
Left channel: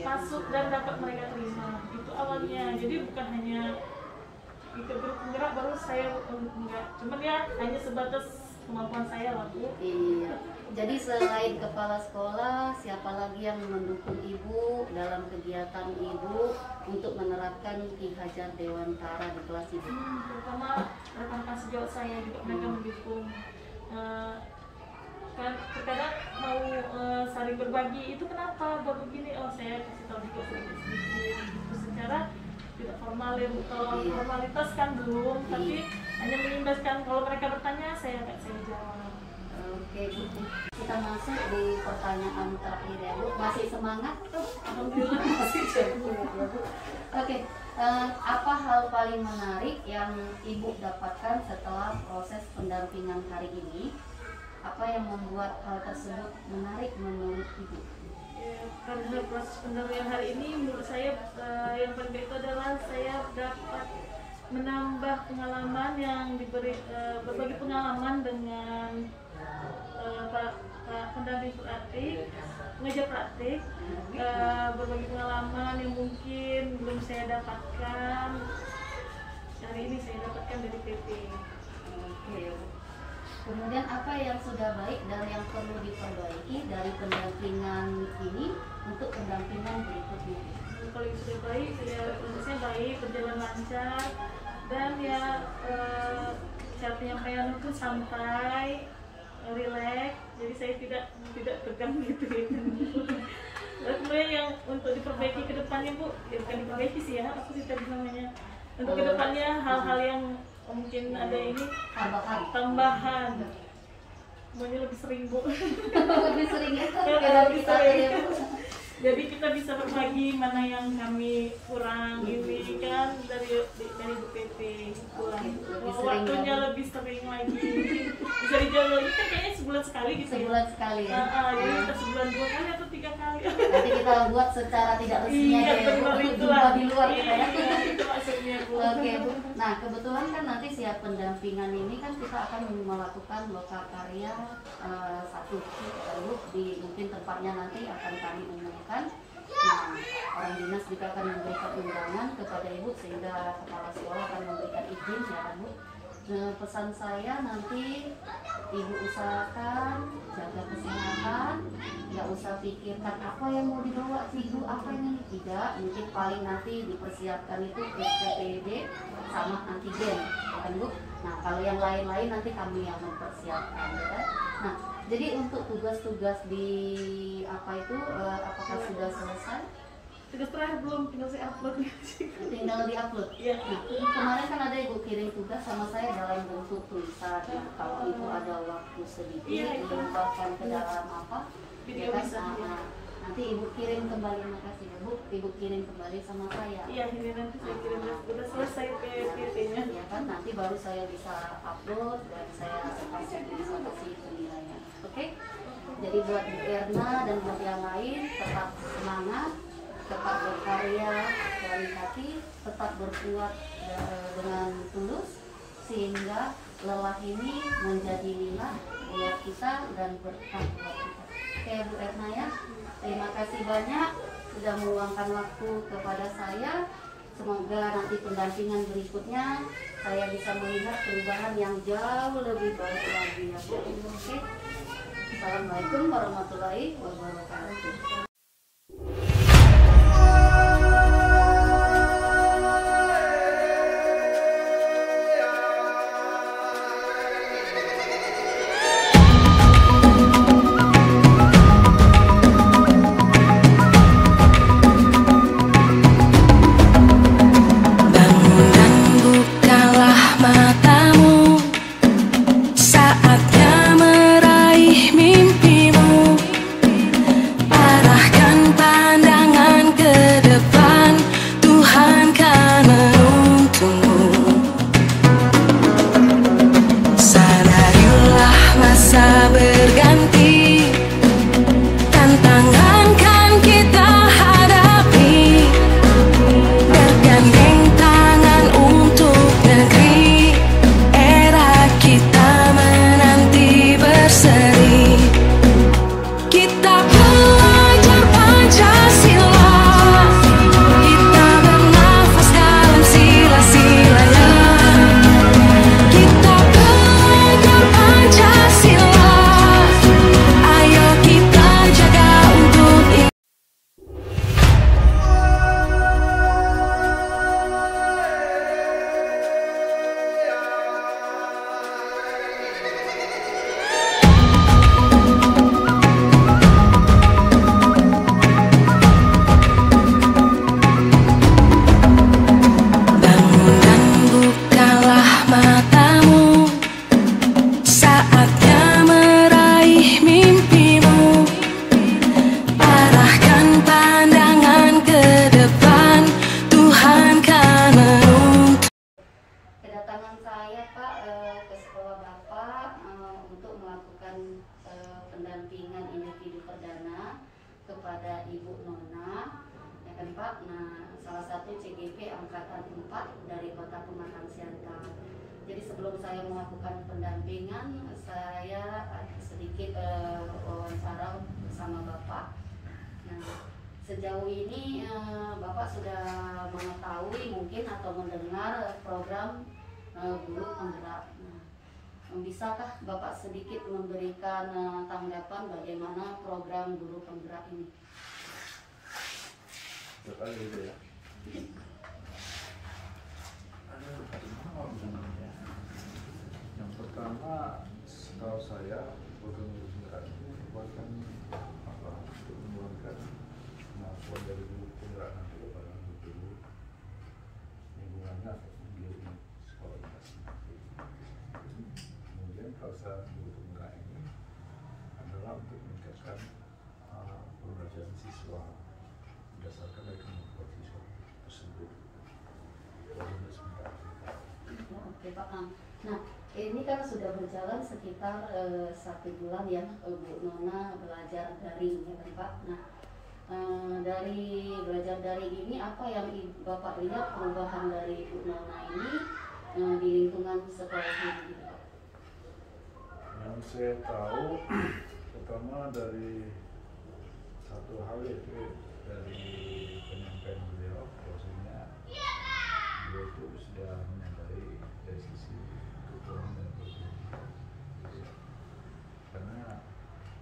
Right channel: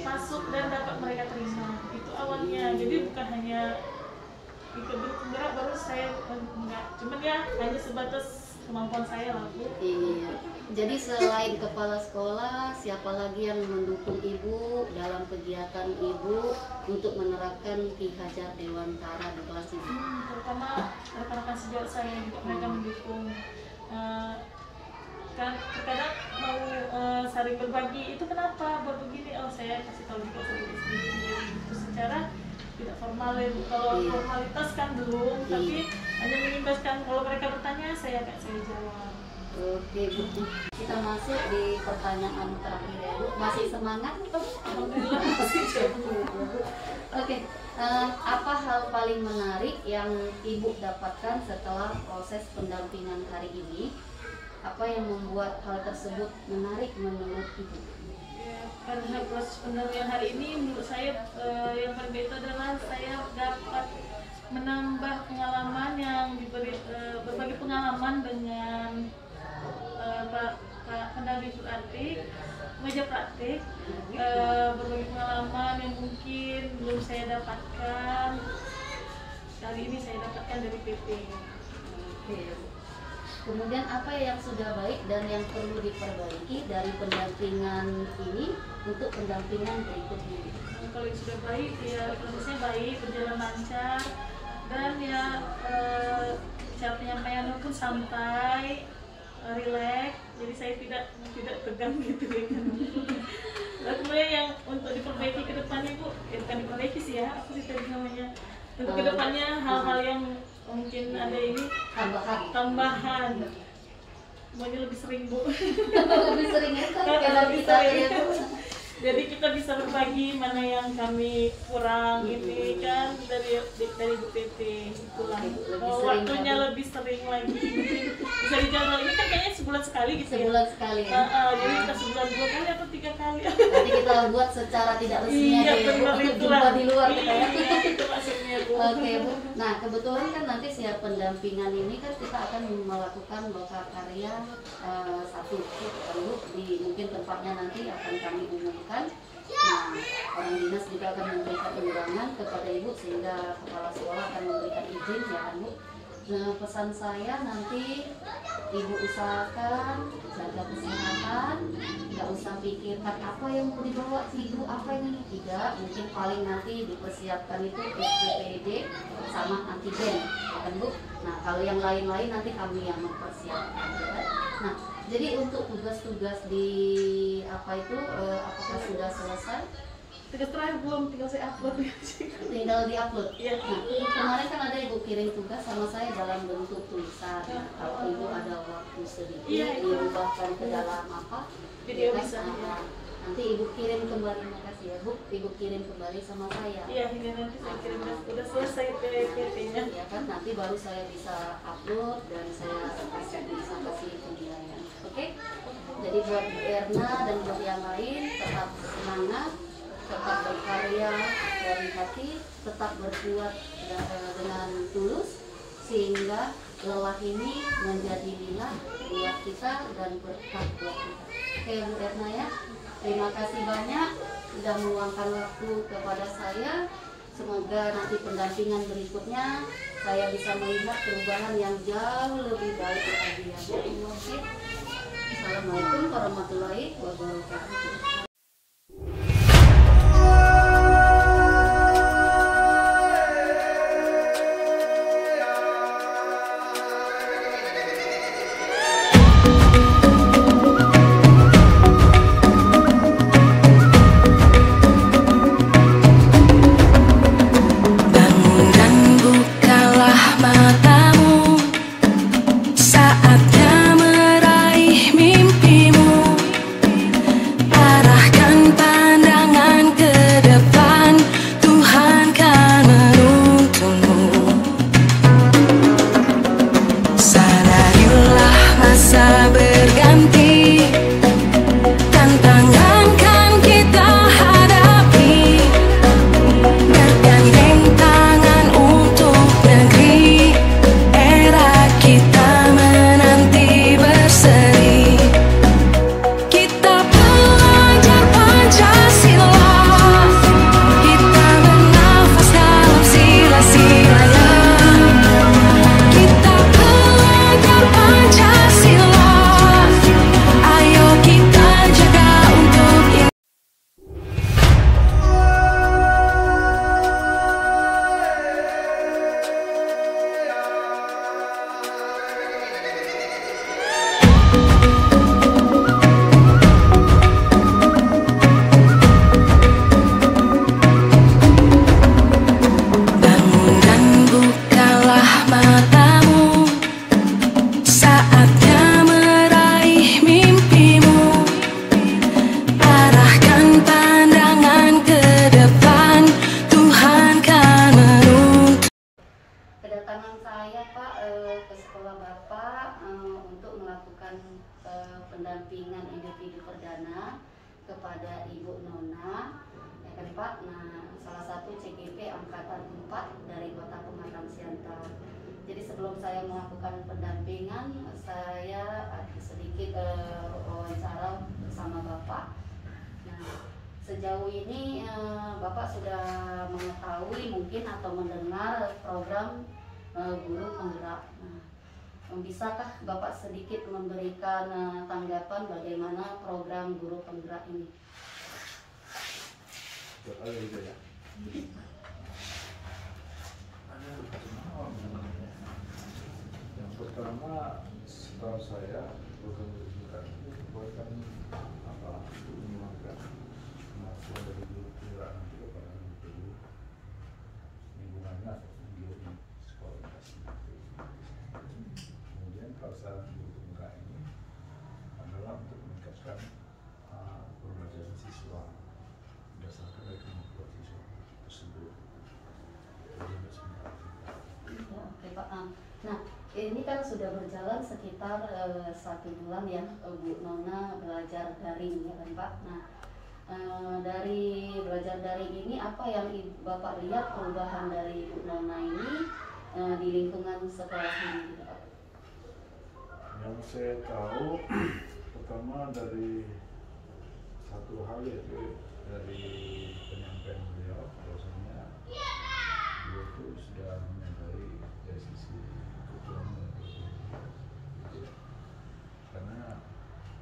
masuk dan dapat mereka terima. Itu awalnya. Jadi bukan hanya ikut guru penggerak baru saya enggak, cuman ya hanya sebatas kemampuan saya lah Bu. Iya. Jadi selain kepala sekolah, siapa lagi yang mendukung Ibu dalam kegiatan Ibu untuk menerapkan Ki Hajar Dewantara di kelas Ibu? Terutama rekan-rekan sejawat saya juga mereka mendukung. Kan terkadang mau saling berbagi, itu kenapa buat begini, oh saya kasih tahu juga sedikit-sedikit gitu, secara tidak formal ya Bu. Kalau formalitas kan belum, tapi hanya mengimbaskan. Kalau mereka bertanya saya jawab. Oke, Bu. Kita masuk di pertanyaan terakhir ya, Bu. Masih semangat? Alhamdulillah masih semangat ya, Bu. Oke, apa hal paling menarik yang Ibu dapatkan setelah proses pendampingan hari ini? Apa yang membuat hal tersebut menarik menurut Ibu? Ya, pada proses pendampingan hari ini menurut saya yang paling baik itu adalah saya dapat menambah pengalaman yang diberi, berbagi pengalaman dengan Pak pendamping praktik, mengajar praktik, berbagi pengalaman yang mungkin belum saya dapatkan. Hari ini saya dapatkan dari PP. Oke. Kemudian apa yang sudah baik dan yang perlu diperbaiki dari pendampingan ini untuk pendampingan berikutnya? Kalau yang sudah baik ya prosesnya baik, berjalan lancar, dan ya cara penyampaian pun santai, rileks, jadi saya tidak tegang gitu ya kan. Lalu kemudian yang untuk diperbaiki ke depannya Bu, ya bukan diperbaiki sih ya, aku sih tadi namanya. Untuk ke depannya hal-hal yang mungkin ada ini tambahan. Semuanya lebih sering Bu. Lebih sering ya, lebih sering. Jadi kita bisa berbagi mana yang kami kurang ini kan dari Bu PT itulah. Waktunya lebih sering lagi, mungkin bisa dijadwal. Ini kan kayaknya sebulan sekali gitu ya. Sebulan sekali ya. Jadi kita sebulan 2 kali atau 3 kali. Nanti kita buat secara tidak resmi aja ya Bu. Jumpa di luar kita ya. Iya, itu maksudnya Bu. Oke Bu. Nah kebetulan kan nanti siap pendampingan ini kan kita akan melakukan lokal karya satu Bu, di mungkin tempatnya nanti akan kami umumkan. Nah, orang dinas juga akan memberikan undangan kepada Ibu sehingga kepala sekolah akan memberikan izin ya kan Bu. Nah, pesan saya nanti Ibu usahakan jaga kesehatan, nggak usah pikirkan apa yang mau dibawa sih Ibu, apa yang ini tidak. Mungkin paling nanti dipersiapkan itu SPPD sama antigen ya kan Bu. Nah, kalau yang lain-lain nanti kami yang mempersiapkan ya kan. Nah, jadi untuk tugas-tugas di apa itu apakah sudah selesai? Tugas terakhir belum, tinggal saya upload. Tinggal di-upload. Iya. Nah, kemarin kan ada Ibu kirim tugas sama saya dalam bentuk tulisan. Nah, kalau Ibu ada waktu sedikit diubahkan ke dalam apa? Video kan? bisa. Nanti Ibu kirim kembali, makasih ya Bu. Ibu kirim kembali sama saya. Iya, ini nanti saya kirim udah selesai PT-nya. Ya kan, nanti baru saya bisa upload dan saya bisa kasih penilaian. Oke? Jadi buat Bu Erna dan buat yang lain tetap semangat, tetap berkarya dari hati, tetap berbuat dengan tulus, sehingga lelah ini menjadi lilah buat kita dan berkah buat kita. Oke Bu Retna ya, terima kasih banyak sudah meluangkan waktu kepada saya. Semoga nanti pendampingan berikutnya saya bisa melihat perubahan yang jauh lebih baik lagi ya Bu. Oke. Assalamualaikum warahmatullahi wabarakatuh. Pendampingan individu perdana kepada Ibu Nona, ya kan Pak. Nah, salah satu CGP Angkatan 4 dari Kota Pematang Siantar. Jadi sebelum saya melakukan pendampingan, saya sedikit wawancara bersama Bapak. Nah, sejauh ini Bapak sudah mengetahui mungkin atau mendengar program guru penggerak. Nah, bisakah Bapak sedikit memberikan tanggapan bagaimana program guru penggerak ini? Yang pertama, setahu saya program guru penggerak itu bukan mengembangkan kemampuan dari guru penggerak nanti kepada guru lingkungannya atau di sekolah. Paksa guru penggerak ini adalah untuk meningkatkan pembelajaran siswa berdasarkan dari kemampuan siswa tersebut. Oke Pak. Nah, ini kan sudah berjalan sekitar 1 bulan ya Bu Nona belajar daring ya kan Pak. Nah, dari belajar daring ini apa yang Bapak lihat perubahan dari Bu Nona ini di lingkungan sekolah ini Pak? Yang saya tahu pertama dari satu hal yaitu dari penyampaian beliau bahwasanya beliau itu sudah menyadari dari sisi kekurangan dan kelebihan, karena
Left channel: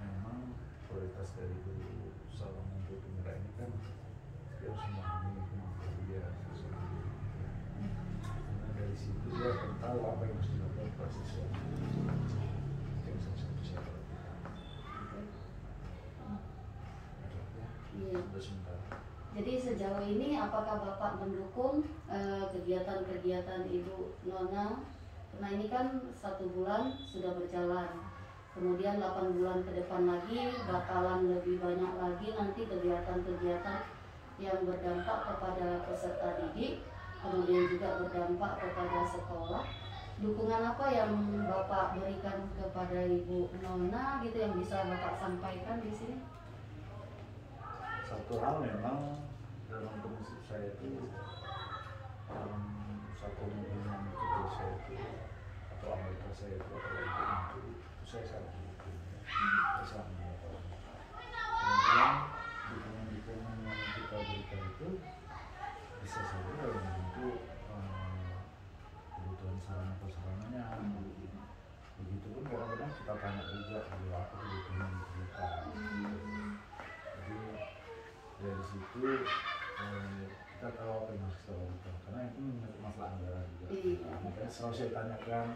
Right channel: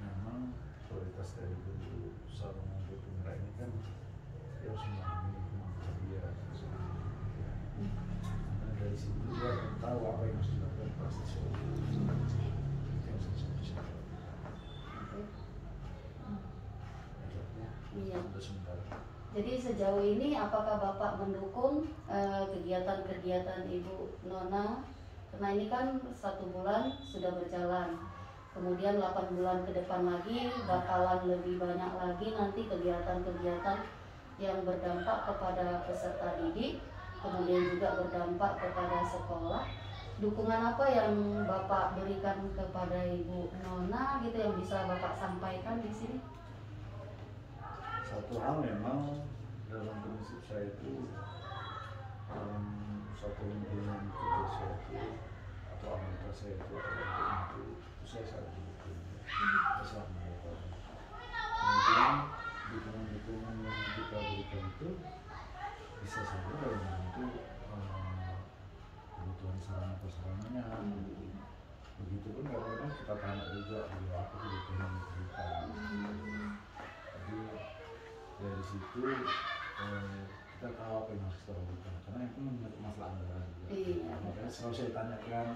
memang kualitas dari guru seorang guru penggerak ini kan dia harus memahami kemampuan dia sesungguhnya, karena dari situ dia akan tahu apa yang harus dilakukan pada siswa. Iya. Jadi sejauh ini apakah Bapak mendukung kegiatan-kegiatan Ibu Nona? Karena ini kan 1 bulan sudah berjalan, kemudian 8 bulan ke depan lagi bakalan lebih banyak lagi nanti kegiatan-kegiatan yang berdampak kepada peserta didik, kemudian juga berdampak kepada sekolah. Dukungan apa yang Bapak berikan kepada Ibu Nona gitu yang bisa Bapak sampaikan di sini? satu hal memang dalam prinsip saya itu, dalam satu hubungan kerja saya itu atau anggota saya itu saya sangat mendukung, saya sangat mengetahui. Kemudian dukungan-dukungan yang kita berikan itu bisa saja dalam bentuk kebutuhan sarana prasarananya. Begitupun kadang-kadang kita tanya juga apa kebutuhan yang diberikan. Jadi dari situ kita tahu apa yang harus kita lakukan, karena itu menyangkut masalah anggaran juga. Makanya selalu saya tanyakan,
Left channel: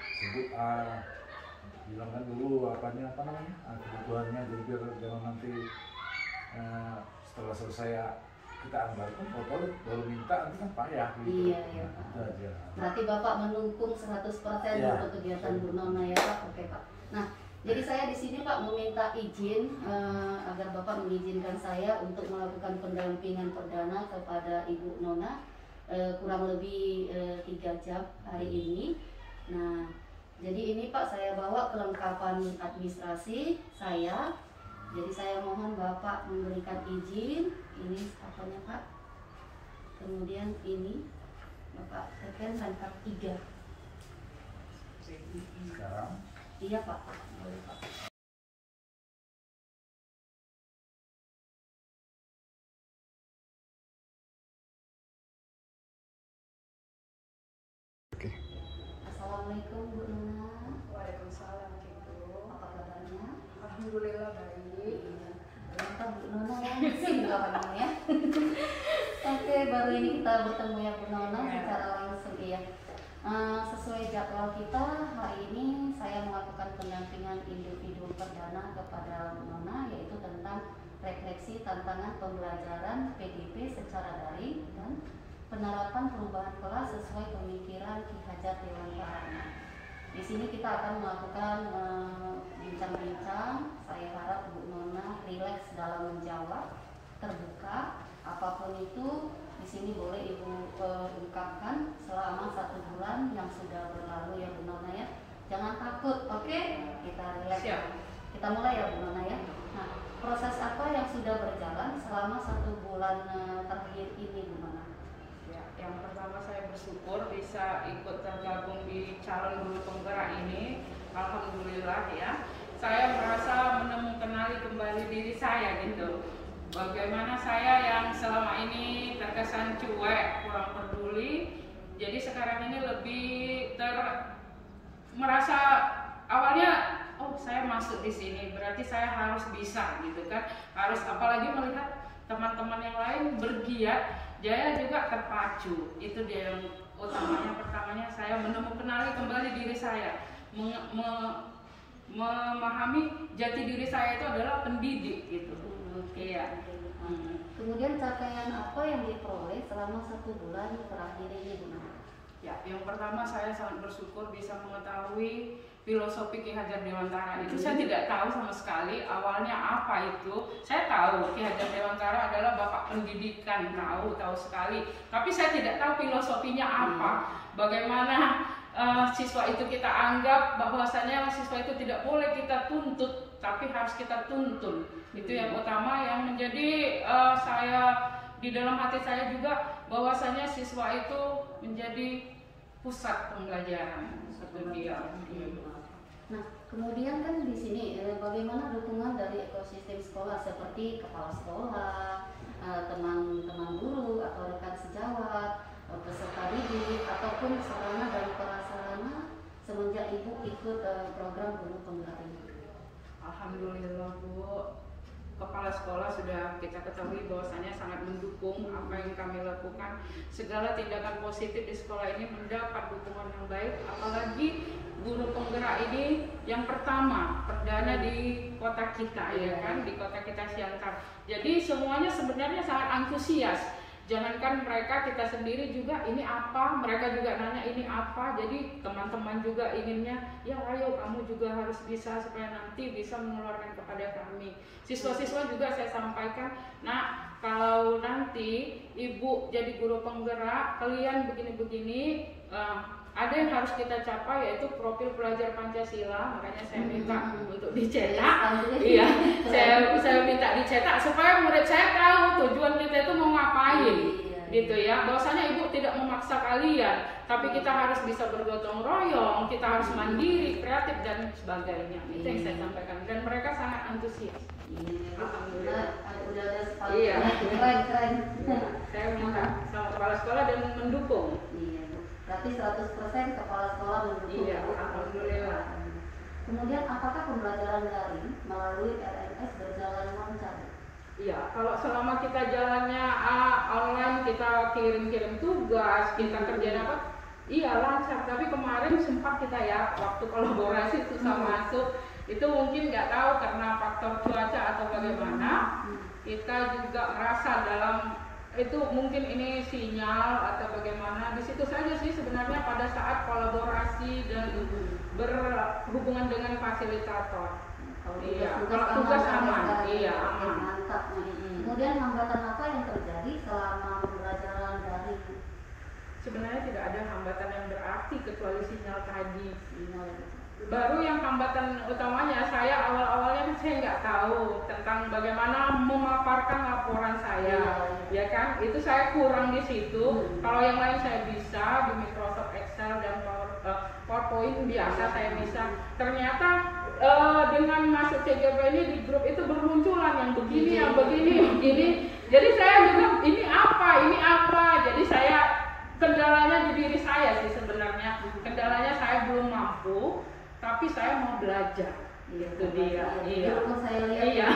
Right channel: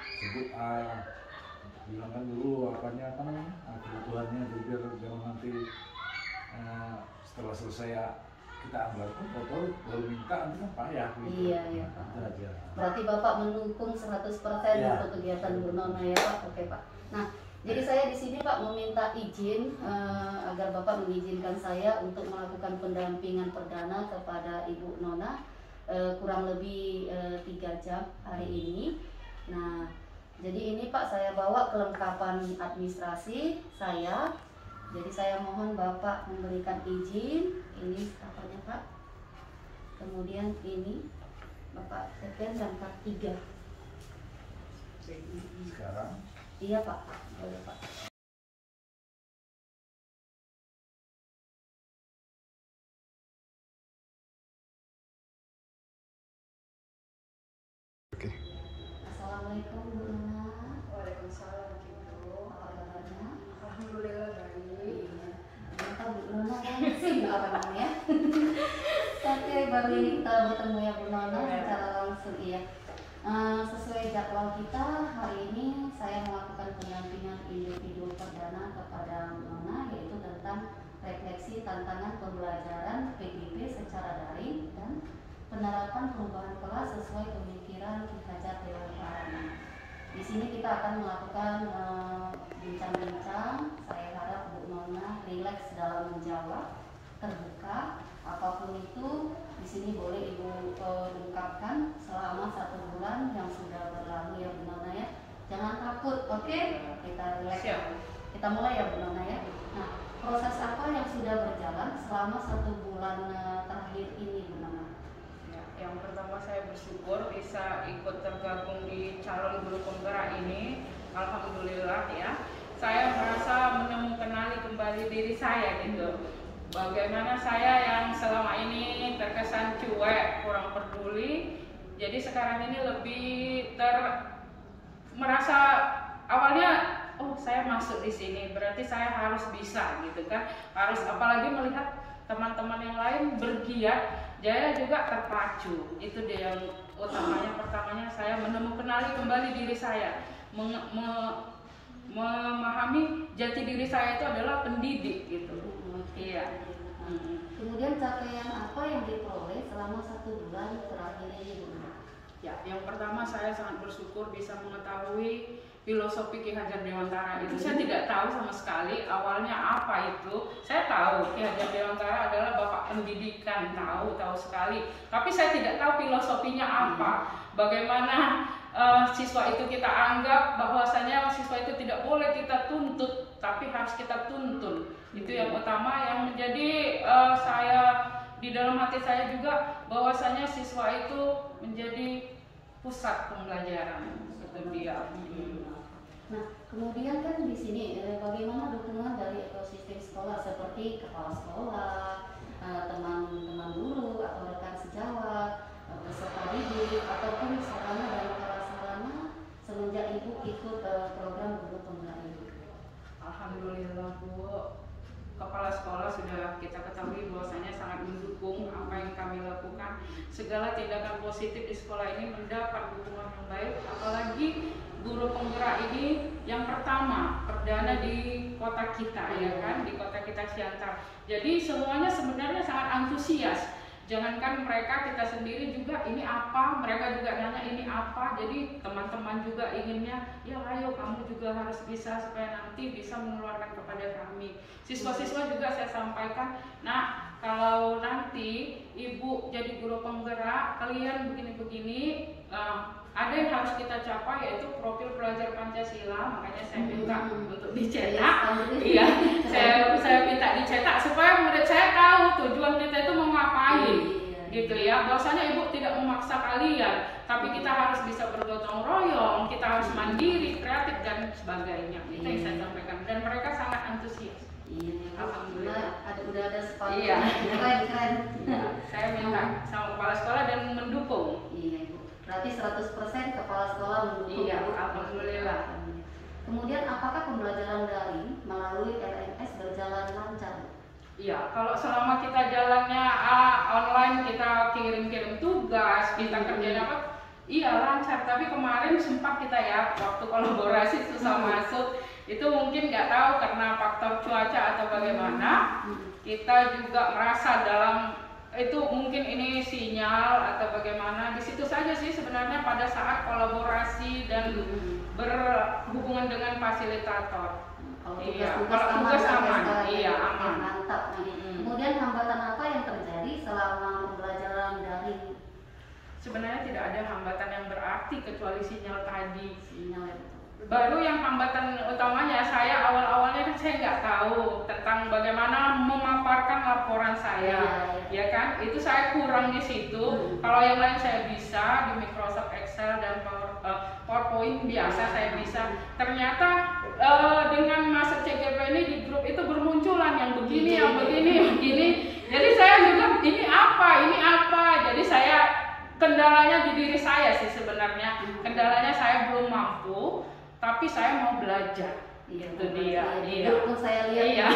sebut bilangkan dulu apa namanya kebutuhannya, jadi biar jangan nanti setelah selesai kita anggarkan baru minta nanti kan payah gitu. Iya Pak. Berarti Bapak mendukung 100% untuk kegiatan Bu Nona ya Pak. Oke Pak. Nah, jadi saya di sini Pak meminta izin agar Bapak mengizinkan saya untuk melakukan pendampingan perdana kepada Ibu Nona kurang lebih 3 jam hari ini. Nah, jadi ini Pak saya bawa kelengkapan administrasi saya. Jadi saya mohon Bapak memberikan izin. Ini apanya Pak? Kemudian ini Bapak tekan lengkap 3. Sekarang? Iya Pak, boleh Pak. Oke. Assalamualaikum Bu Nona. Waalaikumsalam Cikgu. Apa kabarnya? Alhamdulillah baik. Ternyata Bu Nona langsung apa namanya? Oke, baru ini kita bertemu ya Bu Nona secara langsung ya. Sesuai jadwal kita hari ini saya melakukan pendampingan individu perdana kepada Bu Nona, yaitu tentang refleksi tantangan pembelajaran PGP secara daring dan penerapan perubahan kelas sesuai pemikiran Ki Hajar Dewantara. Di sini kita akan melakukan bincang-bincang. Saya harap Bu Nona rileks dalam menjawab, terbuka. Apapun itu di sini boleh Ibu ungkapkan selama 1 bulan yang sudah berlalu ya Bu Nona ya. Jangan takut, oke? Kita rileks. Kita mulai ya Bu Nona ya. Nah, proses apa yang sudah berjalan selama 1 bulan terakhir ini Bu Nona? Ya, yang pertama saya bersyukur bisa ikut tergabung di calon guru penggerak ini. Alhamdulillah ya. Saya merasa menemukan kembali diri saya gitu. Bagaimana saya yang selama ini terkesan cuek, kurang peduli. Jadi sekarang ini lebih merasa awalnya saya masuk di sini berarti saya harus bisa gitu kan. Harus apalagi melihat teman-teman yang lain bergiat, saya juga terpacu. Itu dia yang utamanya. Pertamanya saya menemukan kembali diri saya, memahami jati diri saya itu adalah pendidik gitu. Iya. Kemudian capaian apa yang diperoleh selama 1 bulan terakhir ini Bu Nona? Ya, yang pertama saya sangat bersyukur bisa mengetahui filosofi Ki Hajar Dewantara. Itu saya tidak tahu sama sekali awalnya apa itu. Saya tahu Ki Hajar Dewantara adalah bapak pendidikan, tahu sekali. Tapi saya tidak tahu filosofinya apa. Bagaimana siswa itu kita anggap bahwasanya siswa itu tidak boleh kita tuntut, tapi harus kita tuntun. Itu yang utama yang menjadi saya di dalam hati saya juga, bahwasanya siswa itu menjadi pusat pembelajaran seperti dia. Nah, kemudian kan di sini bagaimana dukungan dari ekosistem sekolah seperti kepala sekolah, teman-teman guru atau rekan sejawat, peserta didik ataupun sarana dan prasarana semenjak Ibu ikut program guru penggerak ini? Alhamdulillah Bu, kepala sekolah sudah kita ketahui bahwasanya sangat mendukung apa yang kami lakukan. Segala tindakan positif di sekolah ini mendapat dukungan yang baik, apalagi guru penggerak ini yang pertama perdana di kota kita ya kan, di kota kita Siantar. Jadi semuanya sebenarnya sangat antusias. Jangankan mereka, kita sendiri juga ini apa, mereka juga nanya ini apa. Jadi teman-teman juga inginnya, ya ayo kamu juga harus bisa supaya nanti bisa menularkan kepada kami. Siswa-siswa juga saya sampaikan, nah kalau nanti Ibu jadi guru penggerak, kalian begini-begini, ada yang harus kita capai, yaitu profil pelajar Pancasila. Makanya saya minta untuk dicetak. Iya, saya minta dicetak supaya murid saya tahu tujuan kita itu mau ngapain, gitu ya. Bahwasanya ibu tidak memaksa kalian, tapi kita harus bisa bergotong royong, kita harus mandiri, kreatif dan sebagainya. Itu yang saya sampaikan, dan mereka sangat antusias. Iya, alhamdulillah udah ada sepatu. Iya. Keren. Saya minta sama kepala sekolah dan mendukung. Iya, Bu. Berarti 100% kepala sekolah mendukung. Iya, alhamdulillah. Kemudian apakah pembelajaran daring melalui LMS berjalan lancar? Iya, kalau selama kita jalannya online, kita kirim-kirim tugas, kita kerjain apa, iya lancar. Tapi kemarin sempat kita ya, waktu kolaborasi susah masuk, itu mungkin nggak tahu karena faktor cuaca atau bagaimana. Kita juga merasa dalam itu mungkin ini sinyal atau bagaimana. Di situ saja sih sebenarnya pada saat kolaborasi dan berhubungan dengan fasilitator. Kalau Iya, tugas aman, iya aman. Mantap. Kemudian hambatan apa yang terjadi selama pembelajaran daring? Sebenarnya tidak ada hambatan yang berarti kecuali sinyal tadi. Sinyal. Baru yang hambatan utamanya, saya awal-awalnya kan saya nggak tahu tentang bagaimana memaparkan laporan saya, ya kan? Itu saya kurang di situ. Kalau yang lain saya bisa di Microsoft Excel dan PowerPoint biasa saya bisa. Ternyata dengan masuk CGP ini di grup itu bermunculan yang begini, yang begini, yang begini. Jadi saya juga ini apa? Jadi saya kendalanya di diri saya sih sebenarnya. Kendalanya saya belum mampu. Tapi saya mau belajar. Iya, itu dia. Iya. Pun saya lihat. Iya.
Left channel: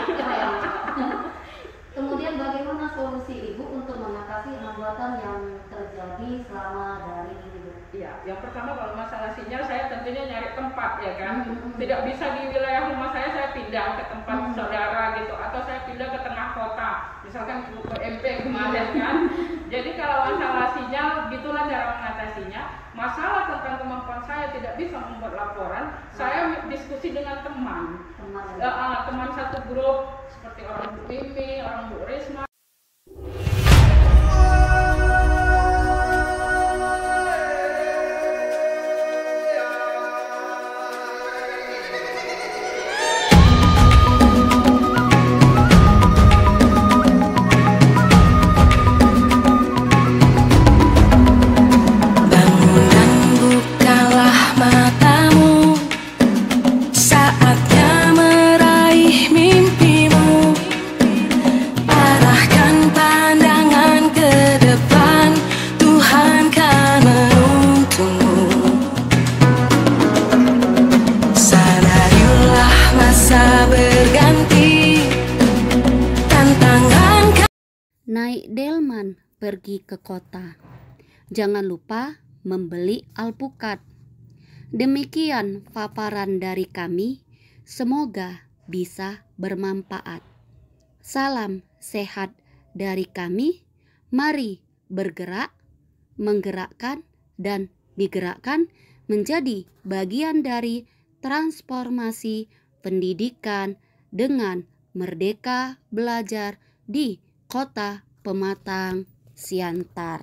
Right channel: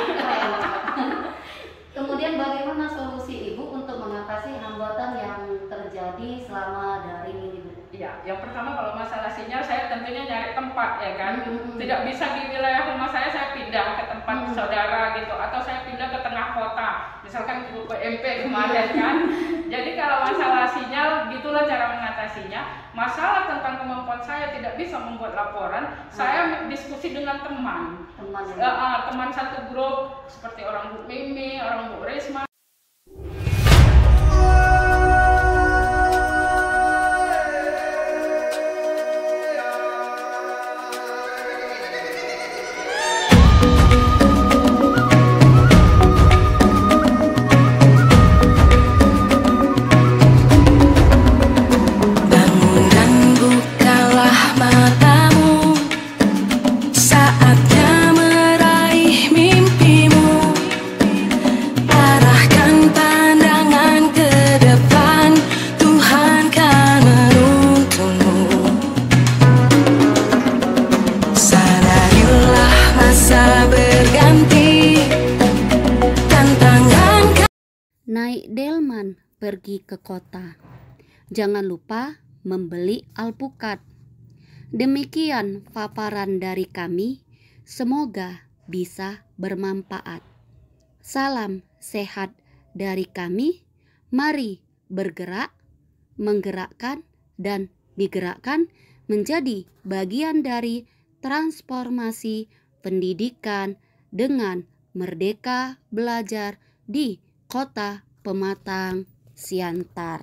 Kemudian bagaimana solusi Ibu untuk mengatasi hambatan yang terjadi selama daring ini, Bu? Iya, yang pertama kalau masalah sinyal saya tentunya nyari tempat ya kan. Tidak bisa di wilayah rumah saya pindah ke tempat saudara gitu, atau saya pindah ke tengah kota. Misalkan ke PMP kemarin kan. Jadi kalau masalah sinyal gitulah cara mengatasinya. Masalah tentang kemampuan saya tidak bisa membuat laporan, saya diskusi dengan teman. Teman satu grup seperti orang Bu Mimi, orang Bu Risma. Naik delman pergi ke kota. Jangan lupa membeli alpukat. Demikian paparan dari kami. Semoga bisa bermanfaat. Salam sehat dari kami. Mari bergerak, menggerakkan, dan digerakkan menjadi bagian dari transformasi pendidikan dengan merdeka belajar di Kota Pematang Siantar.